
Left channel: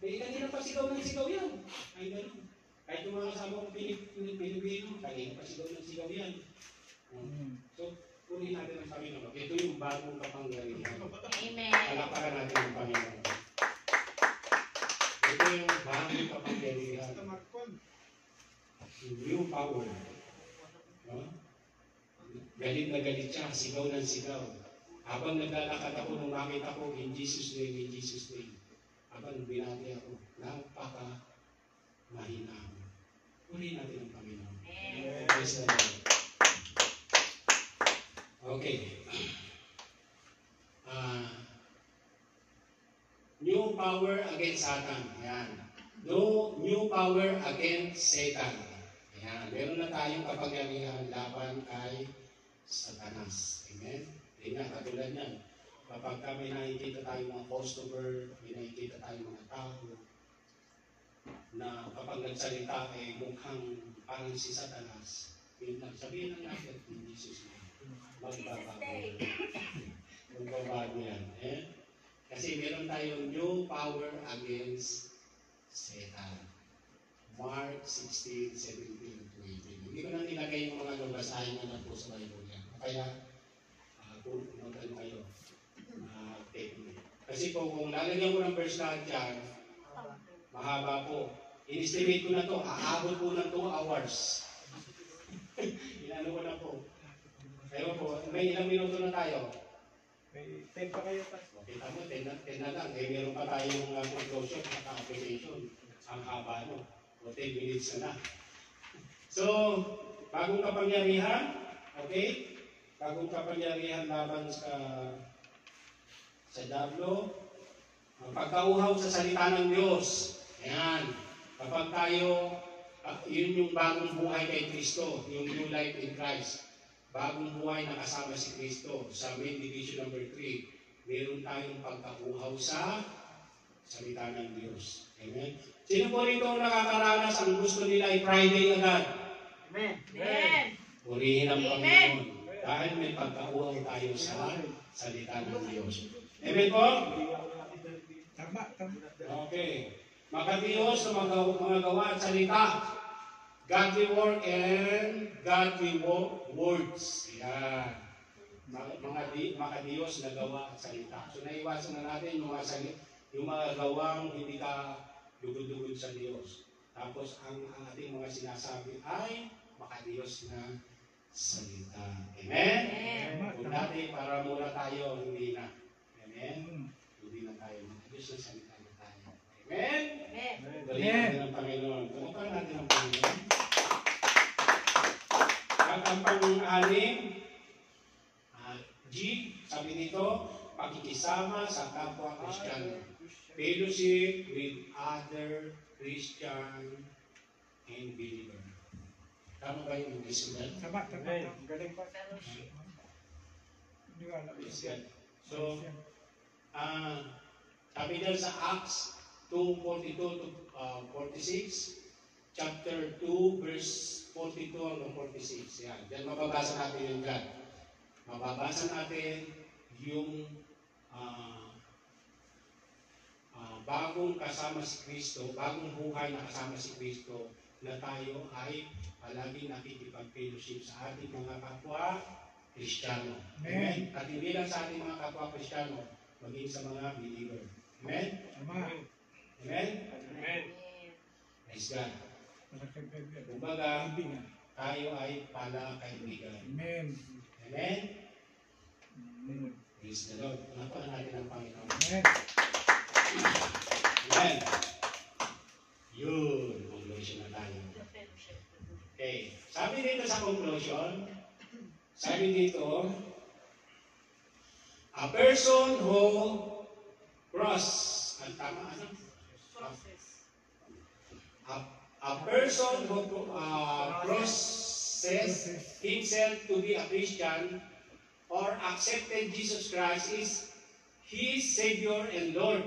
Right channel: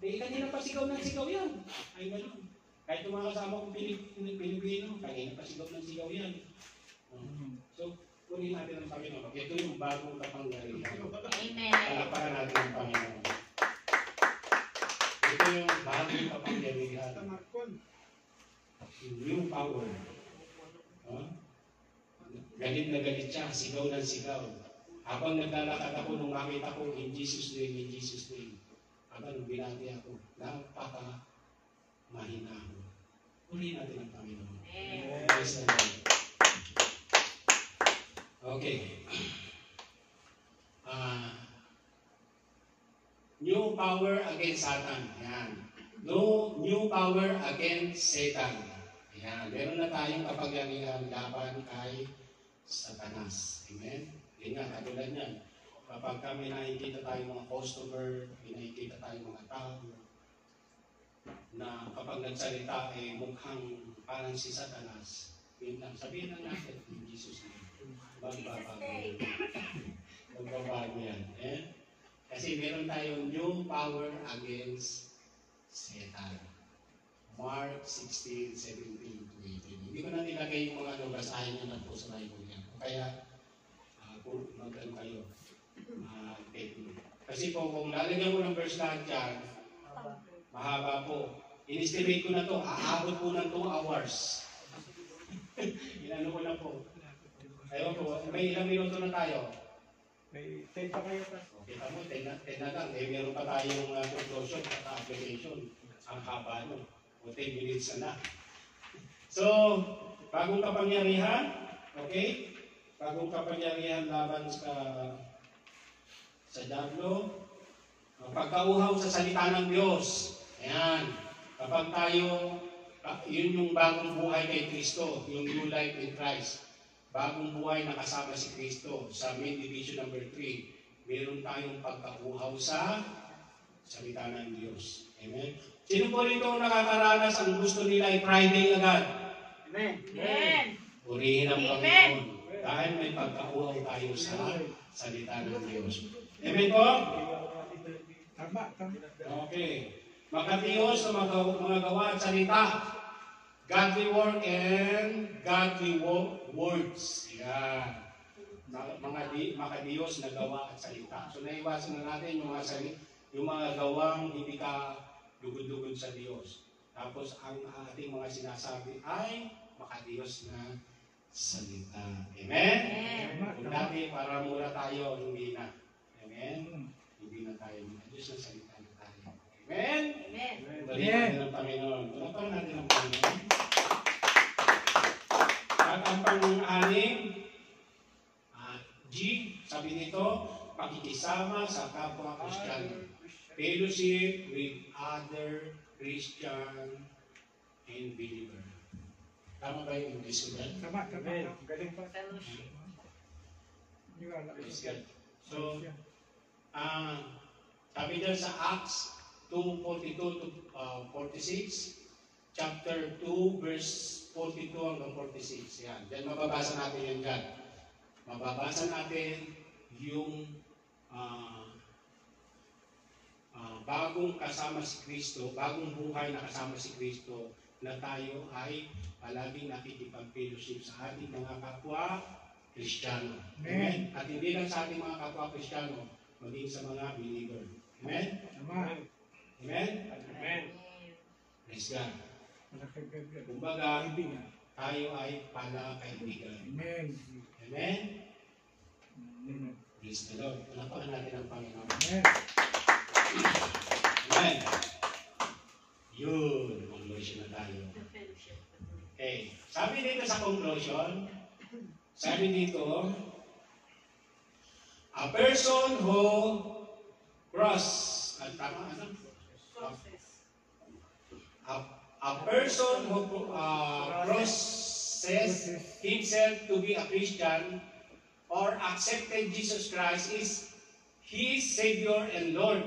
Kanina pa sigaw ng sigaw yan. Ay, gano'n. Kahit yung mga kasama kong Pilipino, kanina pa sigaw ng sigaw yan. So, kunin natin ang Panginoon. Ito yung bagong kapangyarihan. Amen. Palakpakan natin ang Panginoon. Ito yung bagong kapangyarihan. Sa Marcon. New power. Galit na galit siya, sigaw ng sigaw. Habang naglalakad ako, nung makita ko, in Jesus' name, in Jesus' name. Habang binati ako, mahina ako. Uli natin ang Panginoon. Amen. Praise the Lord. Okay. New power against Satan. Yan. No new power against Satan. Yan. Meron na tayong kapangyarihan laban kay Satanas. Amen? Yan nga, katulad yan. Kapag kami nakikita tayong mga customer, nakikita tayong mga tao, na kapag nagsalita ay mukhang parang si Satanas, yun lang, sabihin lang natin, in Jesus' name, magbabago yan. Magbabago yan. Eh? Kasi meron tayong new power against Satan. Mark 16, 17, 20. Hindi ko na nilagay yung mga basahin nyo na po sa Bible yan. Kaya, kung magkano kayo, kasi po, kung lalagyan ko ng verse lahat yan, mahaba po. In-estimate ko na to, aabot po ng 2 hours. Inano ko na po. Ayaw po, may ilang minuto na tayo. May 10 pa kayo pa. Kita mo, 10 na lang. Eh, meron pa tayong conclusion at application. Ang haba no. O 10 minutes na. So, bagong kapangyarihan, okay? Bagong kapangyarihan laban sa diablo. Ang pagkauhaw sa salita ng Diyos. Ayan. Kapag tayo, yun yung bagong buhay kay Kristo, yung new life in Christ. Bagong buhay na kasama si Kristo. Sa main division number 3, meron tayong pagkauhaw sa salita ng Diyos. Amen. Sino po rito nakakaranas ang gusto nila ay Friday agad? Amen. Amen. Purihin ang Amen. Panginoon. Dahil may pagkauhaw tayo sa salita ng Diyos. Amen po? Tama. Okay. Makatiyos sa mga gawa at salita. Godly work and godly words. Yan. Makadiyos na gawa at salita. So naiwasan na natin yung mga gawang hindi ka lugod-lugod sa Diyos. Tapos ang ating mga sinasabi ay makadiyos na salita. Amen? Amen. Kung dati para muna tayo, hindi na. Amen? Hindi na tayo makadiyos na salita na tayo. Amen? Amen. Balikan natin ang Panginoon. Balikan natin ang Panginoon. At ang pang-anim, G, sabi nito, pakikisama sa kapwa Kristiyano. Fellowship with other Christian and believer. Tama ba yung English ko yan? Tama. Galing pa. Fellowship. Hindi ko alam. Yes, yan. So, sabi dyan sa Acts 2:42 to 46, chapter 2, verse 42 hanggang 46. Yan. Diyan mababasa natin yun dyan. Mababasa natin yung bagong kasama si Kristo, bagong buhay na kasama si Kristo, na tayo ay palaging nakikipag-fellowship sa ating mga kapwa Kristiyano. Amen. At hindi lang sa ating mga kapwa Kristiyano, maging sa mga believer. Amen? Ama. Amen? Amen. Praise God. Malaki bebe. Kumbaga, Kaibigan. tayo ay pala kaibigan. Amen. Amen? Amen. Praise the Lord. Palapakan natin ang Panginoon. Amen. Amen. Yun. Conclusion na tayo. The fellowship. Okay. Sabi dito sa conclusion, sabi dito, a person who ang tama, ano? A person who processes himself to be a Christian or accepted Jesus Christ is his Savior and Lord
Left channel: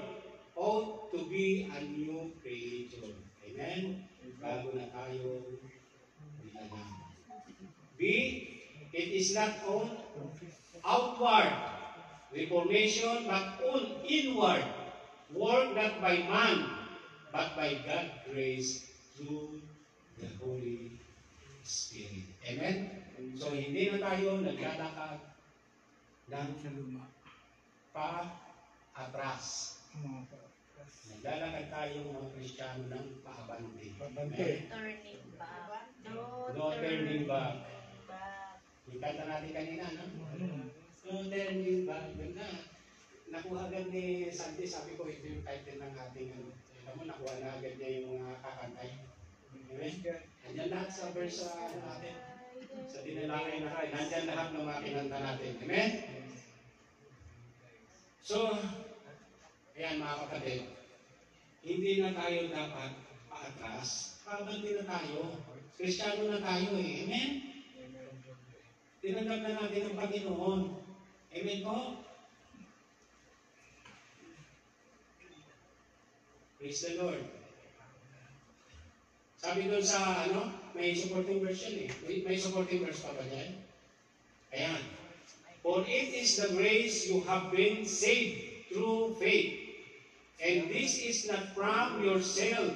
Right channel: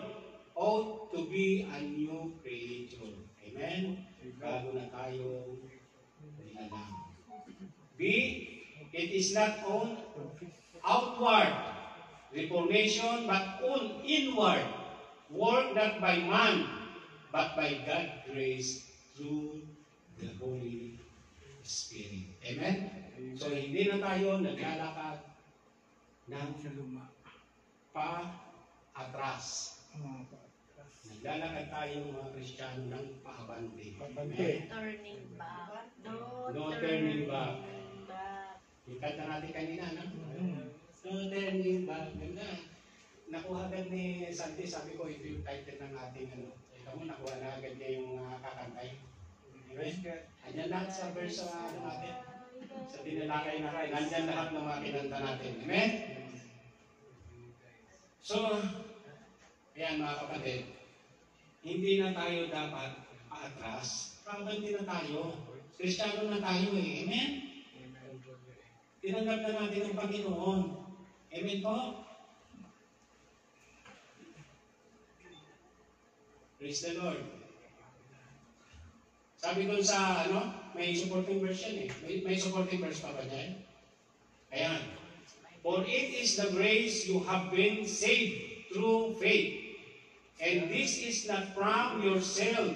ought to be a new creator. Amen? Bago na tayo nilalang. B, it is not on outward reformation but on inward work not by man but by God's grace through the Holy Spirit. Amen? So hindi na tayo naglalakad ng Sa luma. pa-atras. Naglalakad tayo mga Kristiyano ng paabante. Pabante. Amen? Turning back. No turning back. back. Yung kanta natin kanina, no? Mm. No turning back. Ganda. Nakuha agad ni Sandy, sabi ko, ito yung title ng ating ano. Alam mo, nakuha na agad niya yung kakantay. Amen? Andyan lahat sa verse sa natin. Sa tinalangay natin. Andyan lahat ng mga kinanta natin. Amen? So, ayan mga kapatid, hindi na tayo dapat paatras. Pabanti na tayo. Kristiyano na tayo eh. Amen? Tinanggap na natin ang Panginoon. Amen po? Praise the Lord. Sabi doon sa, may supporting verse yan eh. May supporting verse pa ba dyan? Ayan. For it is the grace you have been saved through faith. And this is not from yourself.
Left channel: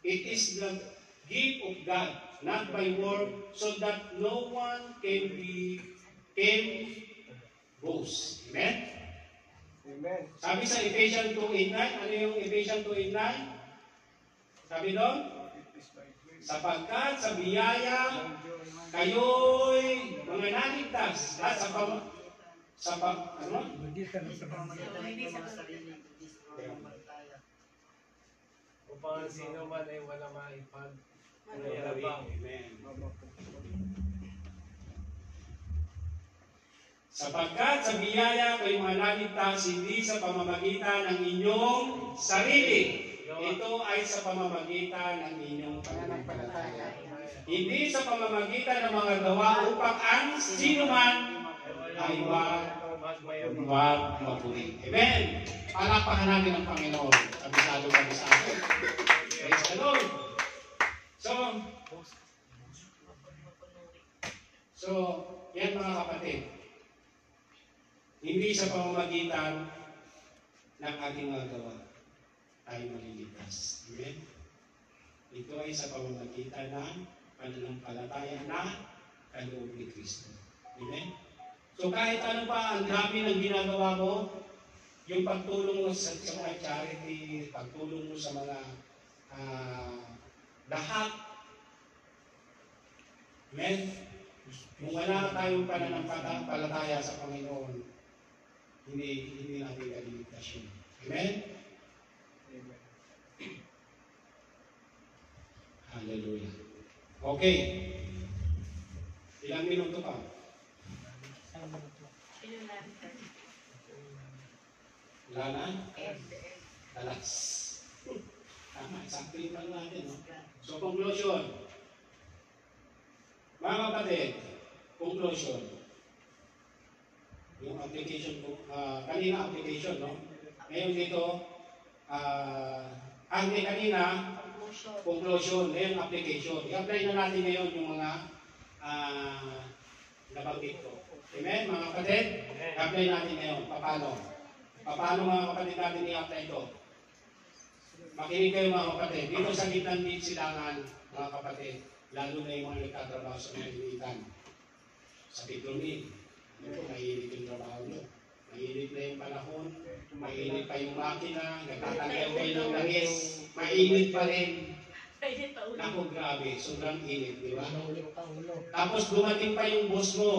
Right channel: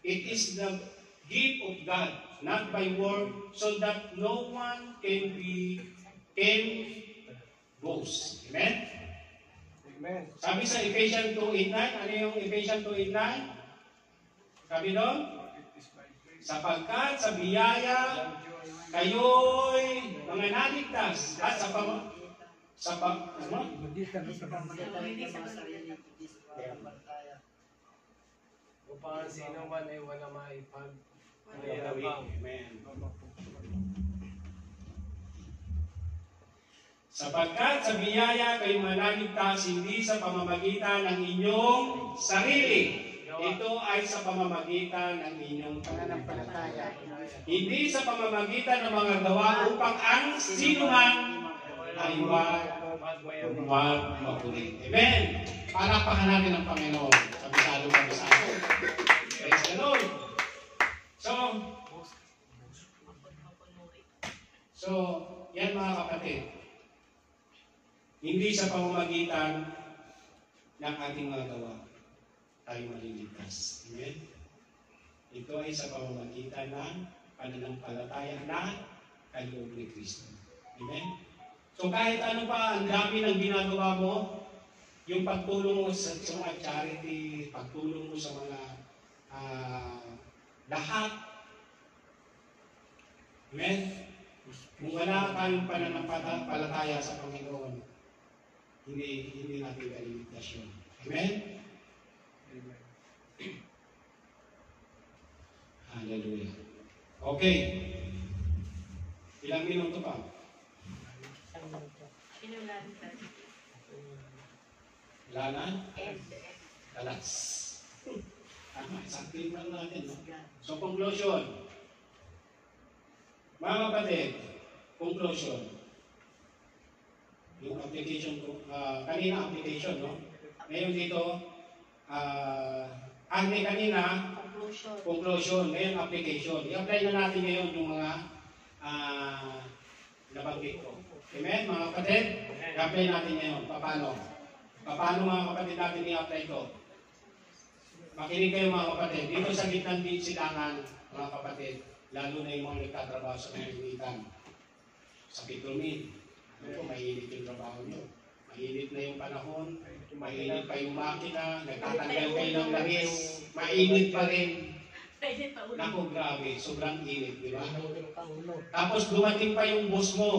It is the gift of God, not by work, so that no one can boast. Amen? Amen. Sabi sa Ephesians 2:8-9, ano yung Ephesians 2:8-9? Sabi doon, sapagkat sa biyaya kayo'y mga naligtas at ano? Magitan sa Upang sino man ay wala maipag. Amen. Sapagkat sa biyaya kayo'y mga naligtas hindi sa pamamagitan ng inyong sarili. Ito ay sa pamamagitan ng inyong pananampalataya. Hindi sa pamamagitan ng mga gawa upang ang sino man ay magpuri. Amen! Palakpakan natin ang Panginoon. Kabisado. Praise the Lord. So, yan mga kapatid. Hindi sa pamamagitan ng ating mga gawa tayo maliligtas. Amen? Ito ay sa pamamagitan ng pananampalataya na kaloob ni Kristo. Amen? So kahit ano pa, ang dami ng ginagawa mo, yung pagtulong mo sa mga charity, pagtulong mo sa mga lahat. Amen? Kung wala tayong pananampalataya sa Panginoon, hindi natin kaliligtas yun. Amen? Hallelujah. Okay. Ilang minuto pa? Wala na? Alas. Tama, sakling lang natin, no? So, conclusion. Mga kapatid, conclusion. Yung application ko, kanina application, no? Ngayon dito, kanina, conclusion, ngayon application. I-apply na natin ngayon yung mga nabanggit ko. Amen, mga kapatid? I-apply natin ngayon. Paano? Paano mga kapatid natin i-apply ito? Makinig kayo mga kapatid. Dito sa gitna ng silangan, mga kapatid, lalo na yung mga nagtatrabaho sa mga initan. Sa Pitlonin. Ano po, mahilig yung trabaho nyo. Mainit na yung panahon, mainit pa yung makina, nagtatanggal kayo ng langis, mainit pa rin. Pwede pa ulit. Naku, grabe, sobrang init, di ba? Tapos dumating pa yung boss mo,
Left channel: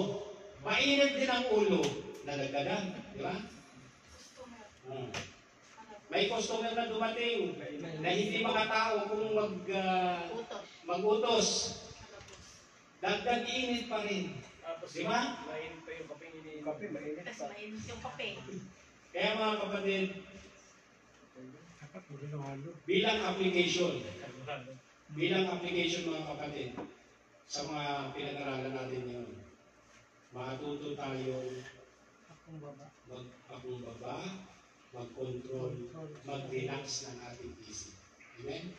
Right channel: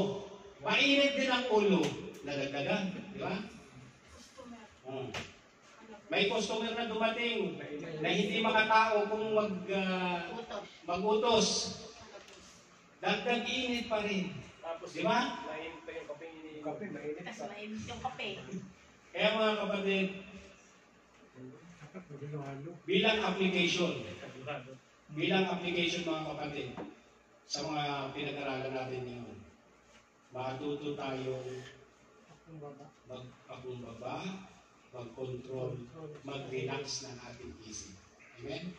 mainit din ang ulo, nadagdagan, di ba? Hmm. May customer na dumating na hindi makatao kung Utos. mag-utos. Dagdag init pa rin. Tapos, Di ba? mainit pa yung kape hindi. Kape, mainit Tapos pa. mainit yung kape. Kaya mga kapatid, Dapat maging bilang application mga kapatid, sa mga pinag-aralan natin ngayon, matuto tayong mag-pakumbaba, mag-control, mag-relax ng ating isip. Amen?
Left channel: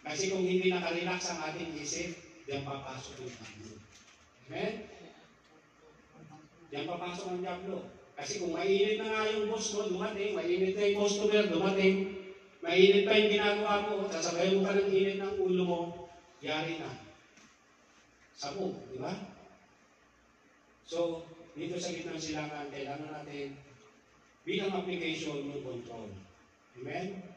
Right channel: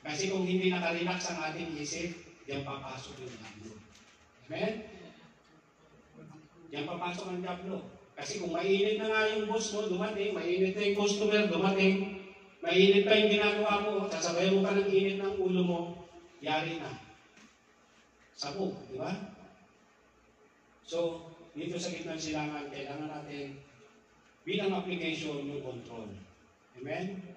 Kasi kung hindi nakarelax ang ating isip, diyan papasok yung diablo. Amen? Diyan papasok ang diablo. Kasi kung mainit na nga yung boss mo, dumating, mainit na yung customer, dumating, mainit pa yung ginagawa mo, sasabayan mo pa ng init ng ulo mo, yari na. Sapo, di ba? So, dito sa gitnang silangan, kailangan natin bilang application yung control. Amen?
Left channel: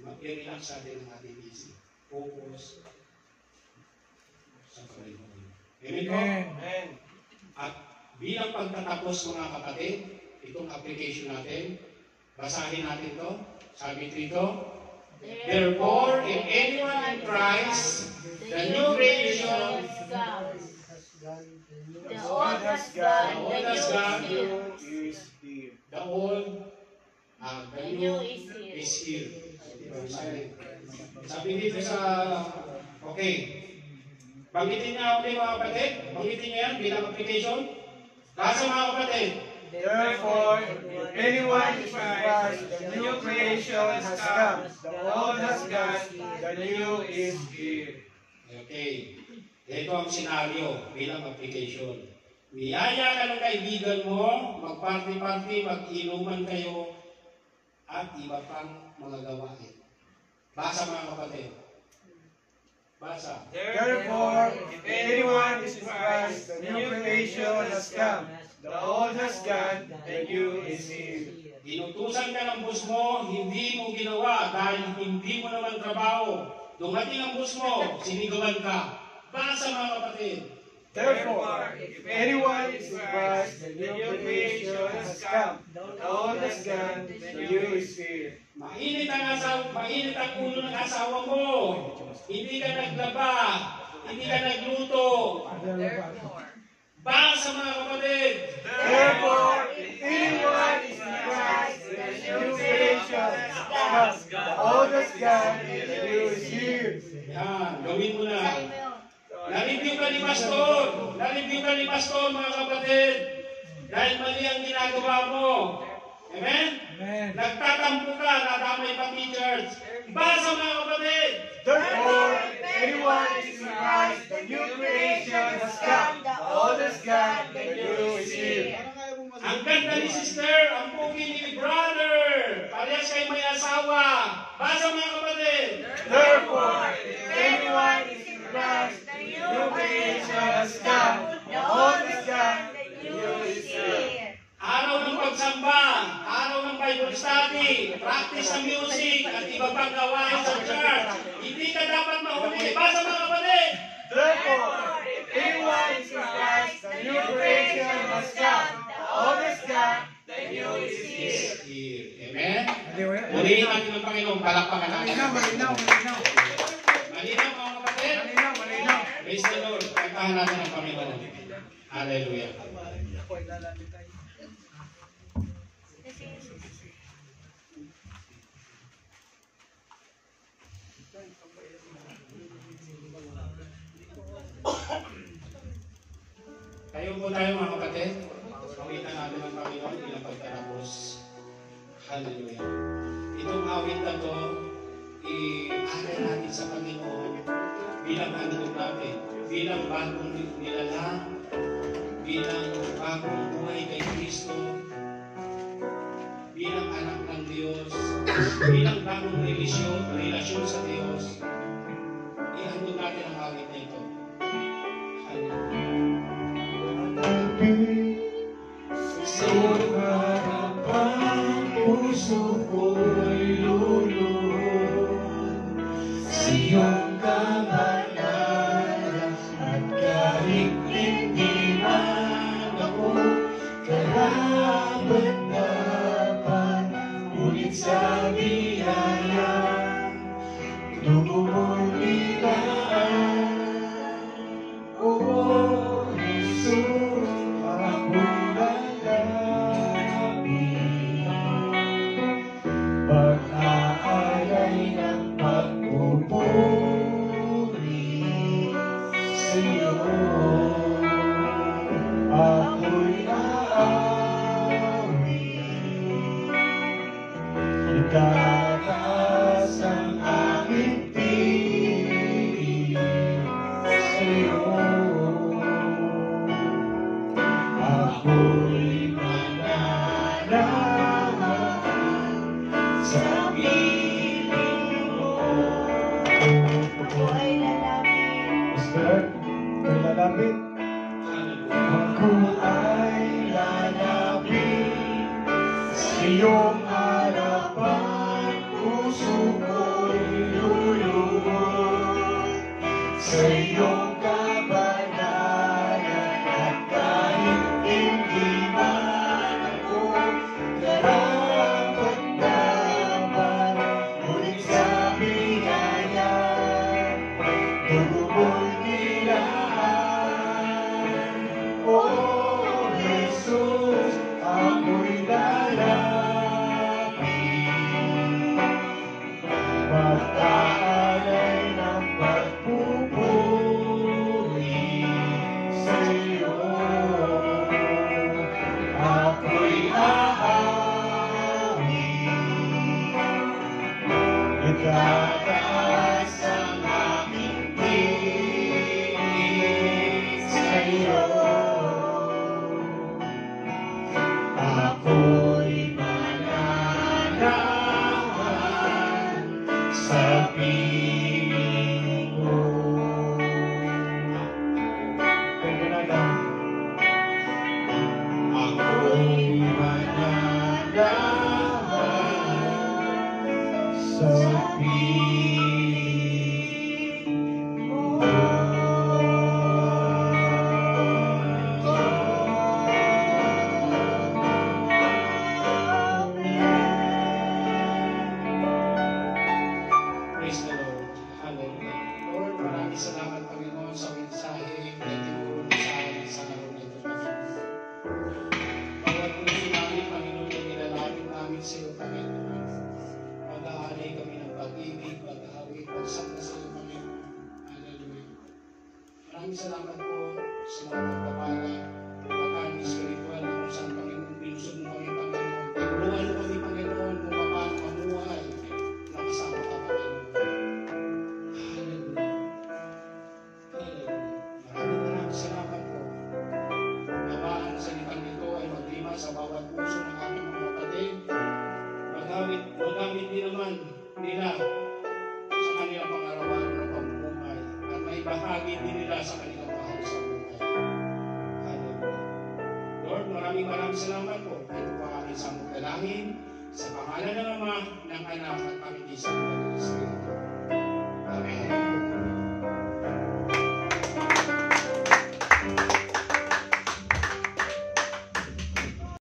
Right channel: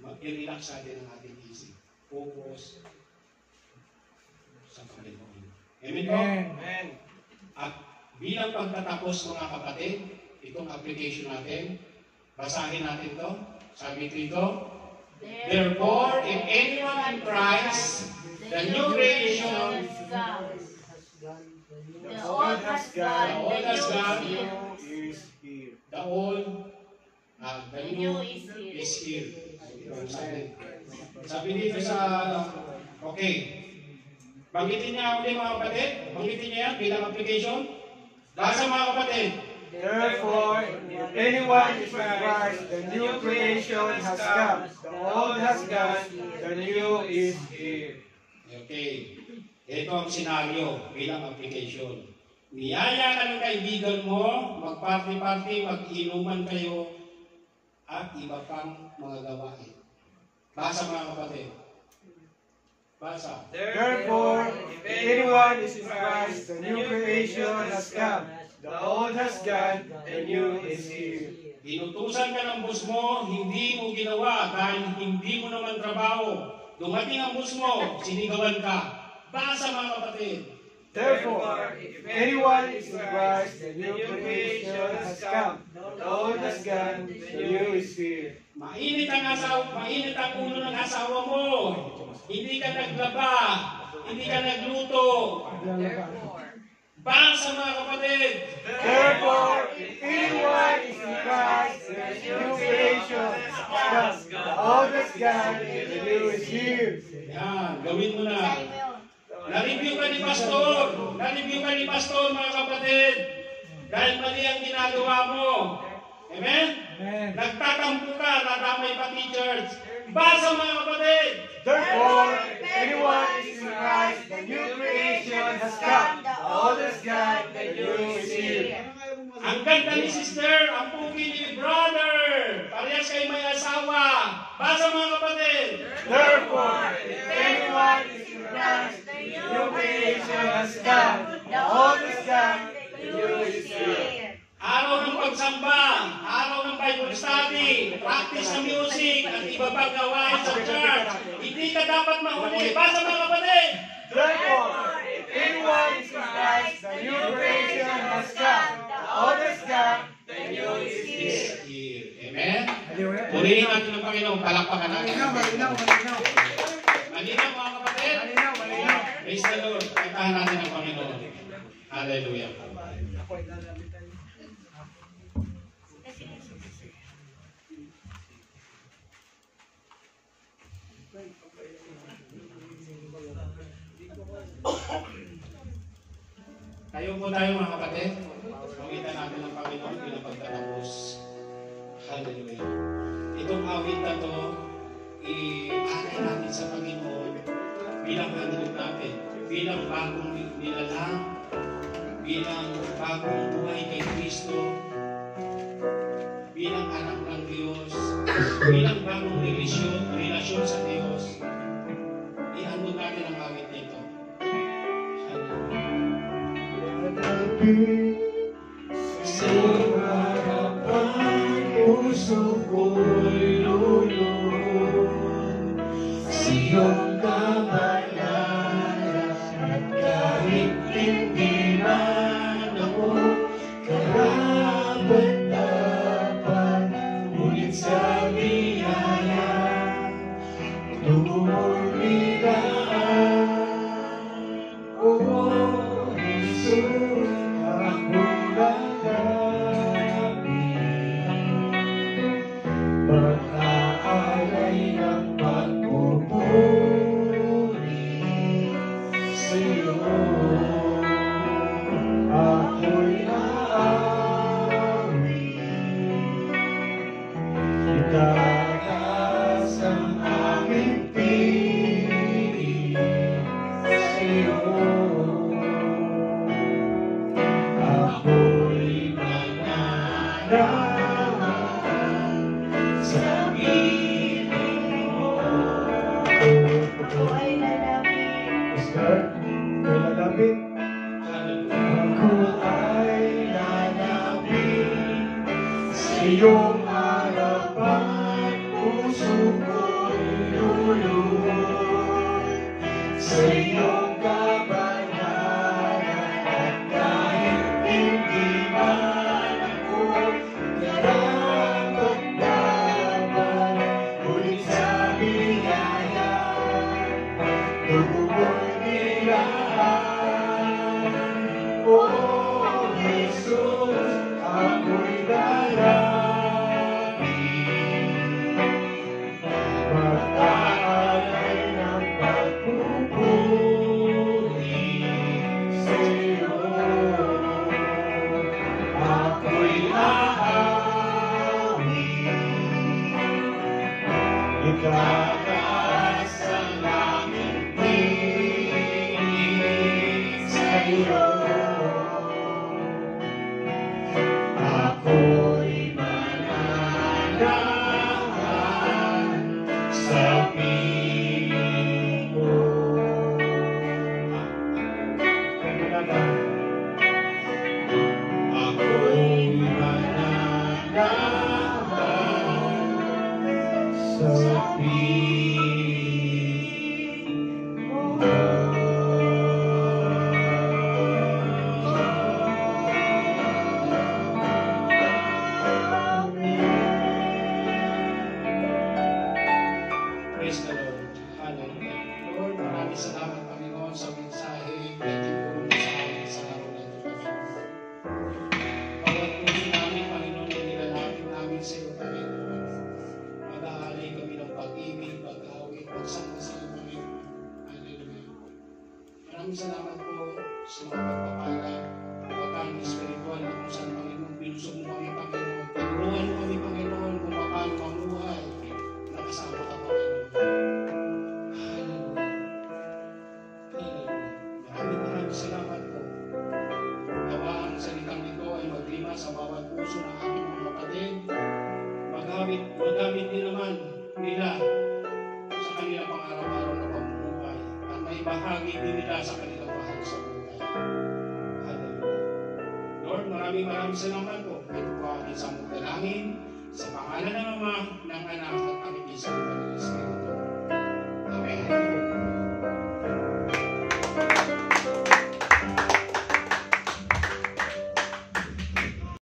I-relax natin ang ating isip. Focus sa Panginoon. Amen po? Amen. At bilang pagtatapos mga kapatid, itong application natin, basahin natin to. Sabi dito, therefore, if anyone in Christ, the new creation, The old has gone, the old has gone, the new is here. the old, the new is here. Sabi dito sa, okay, banggitin niya ulit mga kapatid, banggitin niya yan bilang application. Basa mga kapatid. Therefore, if anyone is in Christ, the new creation has come. The old has gone, the new is here. Okay. Ito ang senaryo bilang application. Niyaya ka ng kaibigan mo, mag-party-party, mag-inuman kayo, at iba pang mga gawain. Basa mga kapatid. Basa. Therefore, if anyone is in Christ, the new creation has come. The old has gone, the new is here. Inutusan ka ng boss mo, hindi mo ginawa dahil hindi mo naman trabaho. Dumating ang boss mo, sinigawan ka. Basa mga kapatid. Therefore, if anyone is in Christ, the new creation has come. The old has gone, the new is here. Mainit ang ulo ng asawa mo. Hindi ka naglaba, hindi ka nagluto. Basa mga kapatid. Therefore, if anyone is in Christ, the new creation has come. The old has gone, the new is here. Yan, gawin mo na. Na-review ka ni Pastor. Na-review ka ni Pastor mga kapatid. Dahil mali ang ginagawa mo. Amen? Nagtatampo ka, nadamay pa teachers. Basa mga kapatid. Therefore, if anyone is in Christ, the new creation has come. The old has gone, the new is here. Ang ganda ni sister, ang pugi ni brother. Parehas kayo may asawa. Basa mga kapatid. Therefore, if anyone is in Christ, the new creation has come. The old is gone, the new is here. Araw ng pagsamba, araw ng Bible study, practice ng music, at iba pang gawain sa church. Hindi ka dapat mahuli. Basa mga kapatid. Therefore, if anyone is in Christ, the new creation has come. The old is gone, the new is here. Amen? Murihin natin ang Panginoon, palakpakan natin. malinaw. Malinaw mga kapatid? Malinaw. Praise the Lord. Pagkahan natin ang Panginoon. Hallelujah. Tayo po tayo mga kapatid. Pawitan natin ang Panginoon bilang pagtatapos. Hallelujah. Itong awit na to, i-akin natin sa Panginoon bilang handog natin, bilang bagong nilalang, bilang bagong buhay kay Kristo, bilang anak ng Diyos, bilang bagong relasyon sa Diyos. I-handog natin ang awit na ito. Hallelujah. So iyong harapan, puso ko'y luluhod sa iyong kabanalan. At kahit hindi man ako nararamdaman, ngunit sa biyaya dugo mo'y nilaan. Oh Jesus, ako'y darapin, magkaalay ng pagpupuri sa'yo. Ako'y aawin, itataas ang aming tinig sa'yo. Ako'y mananahan sa piling mo. Ako'y mananahan sa piling mo. Praise the Lord. Hallelujah. Lord, maraming salamat, Panginoon, sa mensahe na tinuro mo sa amin sa araw na ito, Panginoon. Bawat puso namin, Panginoon, na nilalapit namin sa iyo, Panginoon. Mag-aalay kami ng pag-ibig, pag-awi, pagsama sa iyo, Panginoon. Hallelujah. Maraming salamat po sa mga pagpapala, pagkakaan espiritual na kung saan, Panginoon, pilusog mo kami, Panginoon. Tinuruan mo kami, Panginoon, kung paano mamuhay na kasama ka, Panginoon. Hallelujah. Maraming salamat po. Nawa ang salitang ito ay maglima sa bawat puso ng aking mga kapatid. Magamit din naman nila sa kanilang pang-araw-araw na pamumuhay at may bahagi din nila sa kanilang mahal sa buhay. Hallelujah. Lord, maraming salamat po. Ito po ang isang dalangin sa pangalan ng Ama, ng Anak at ng Isang Espiritu.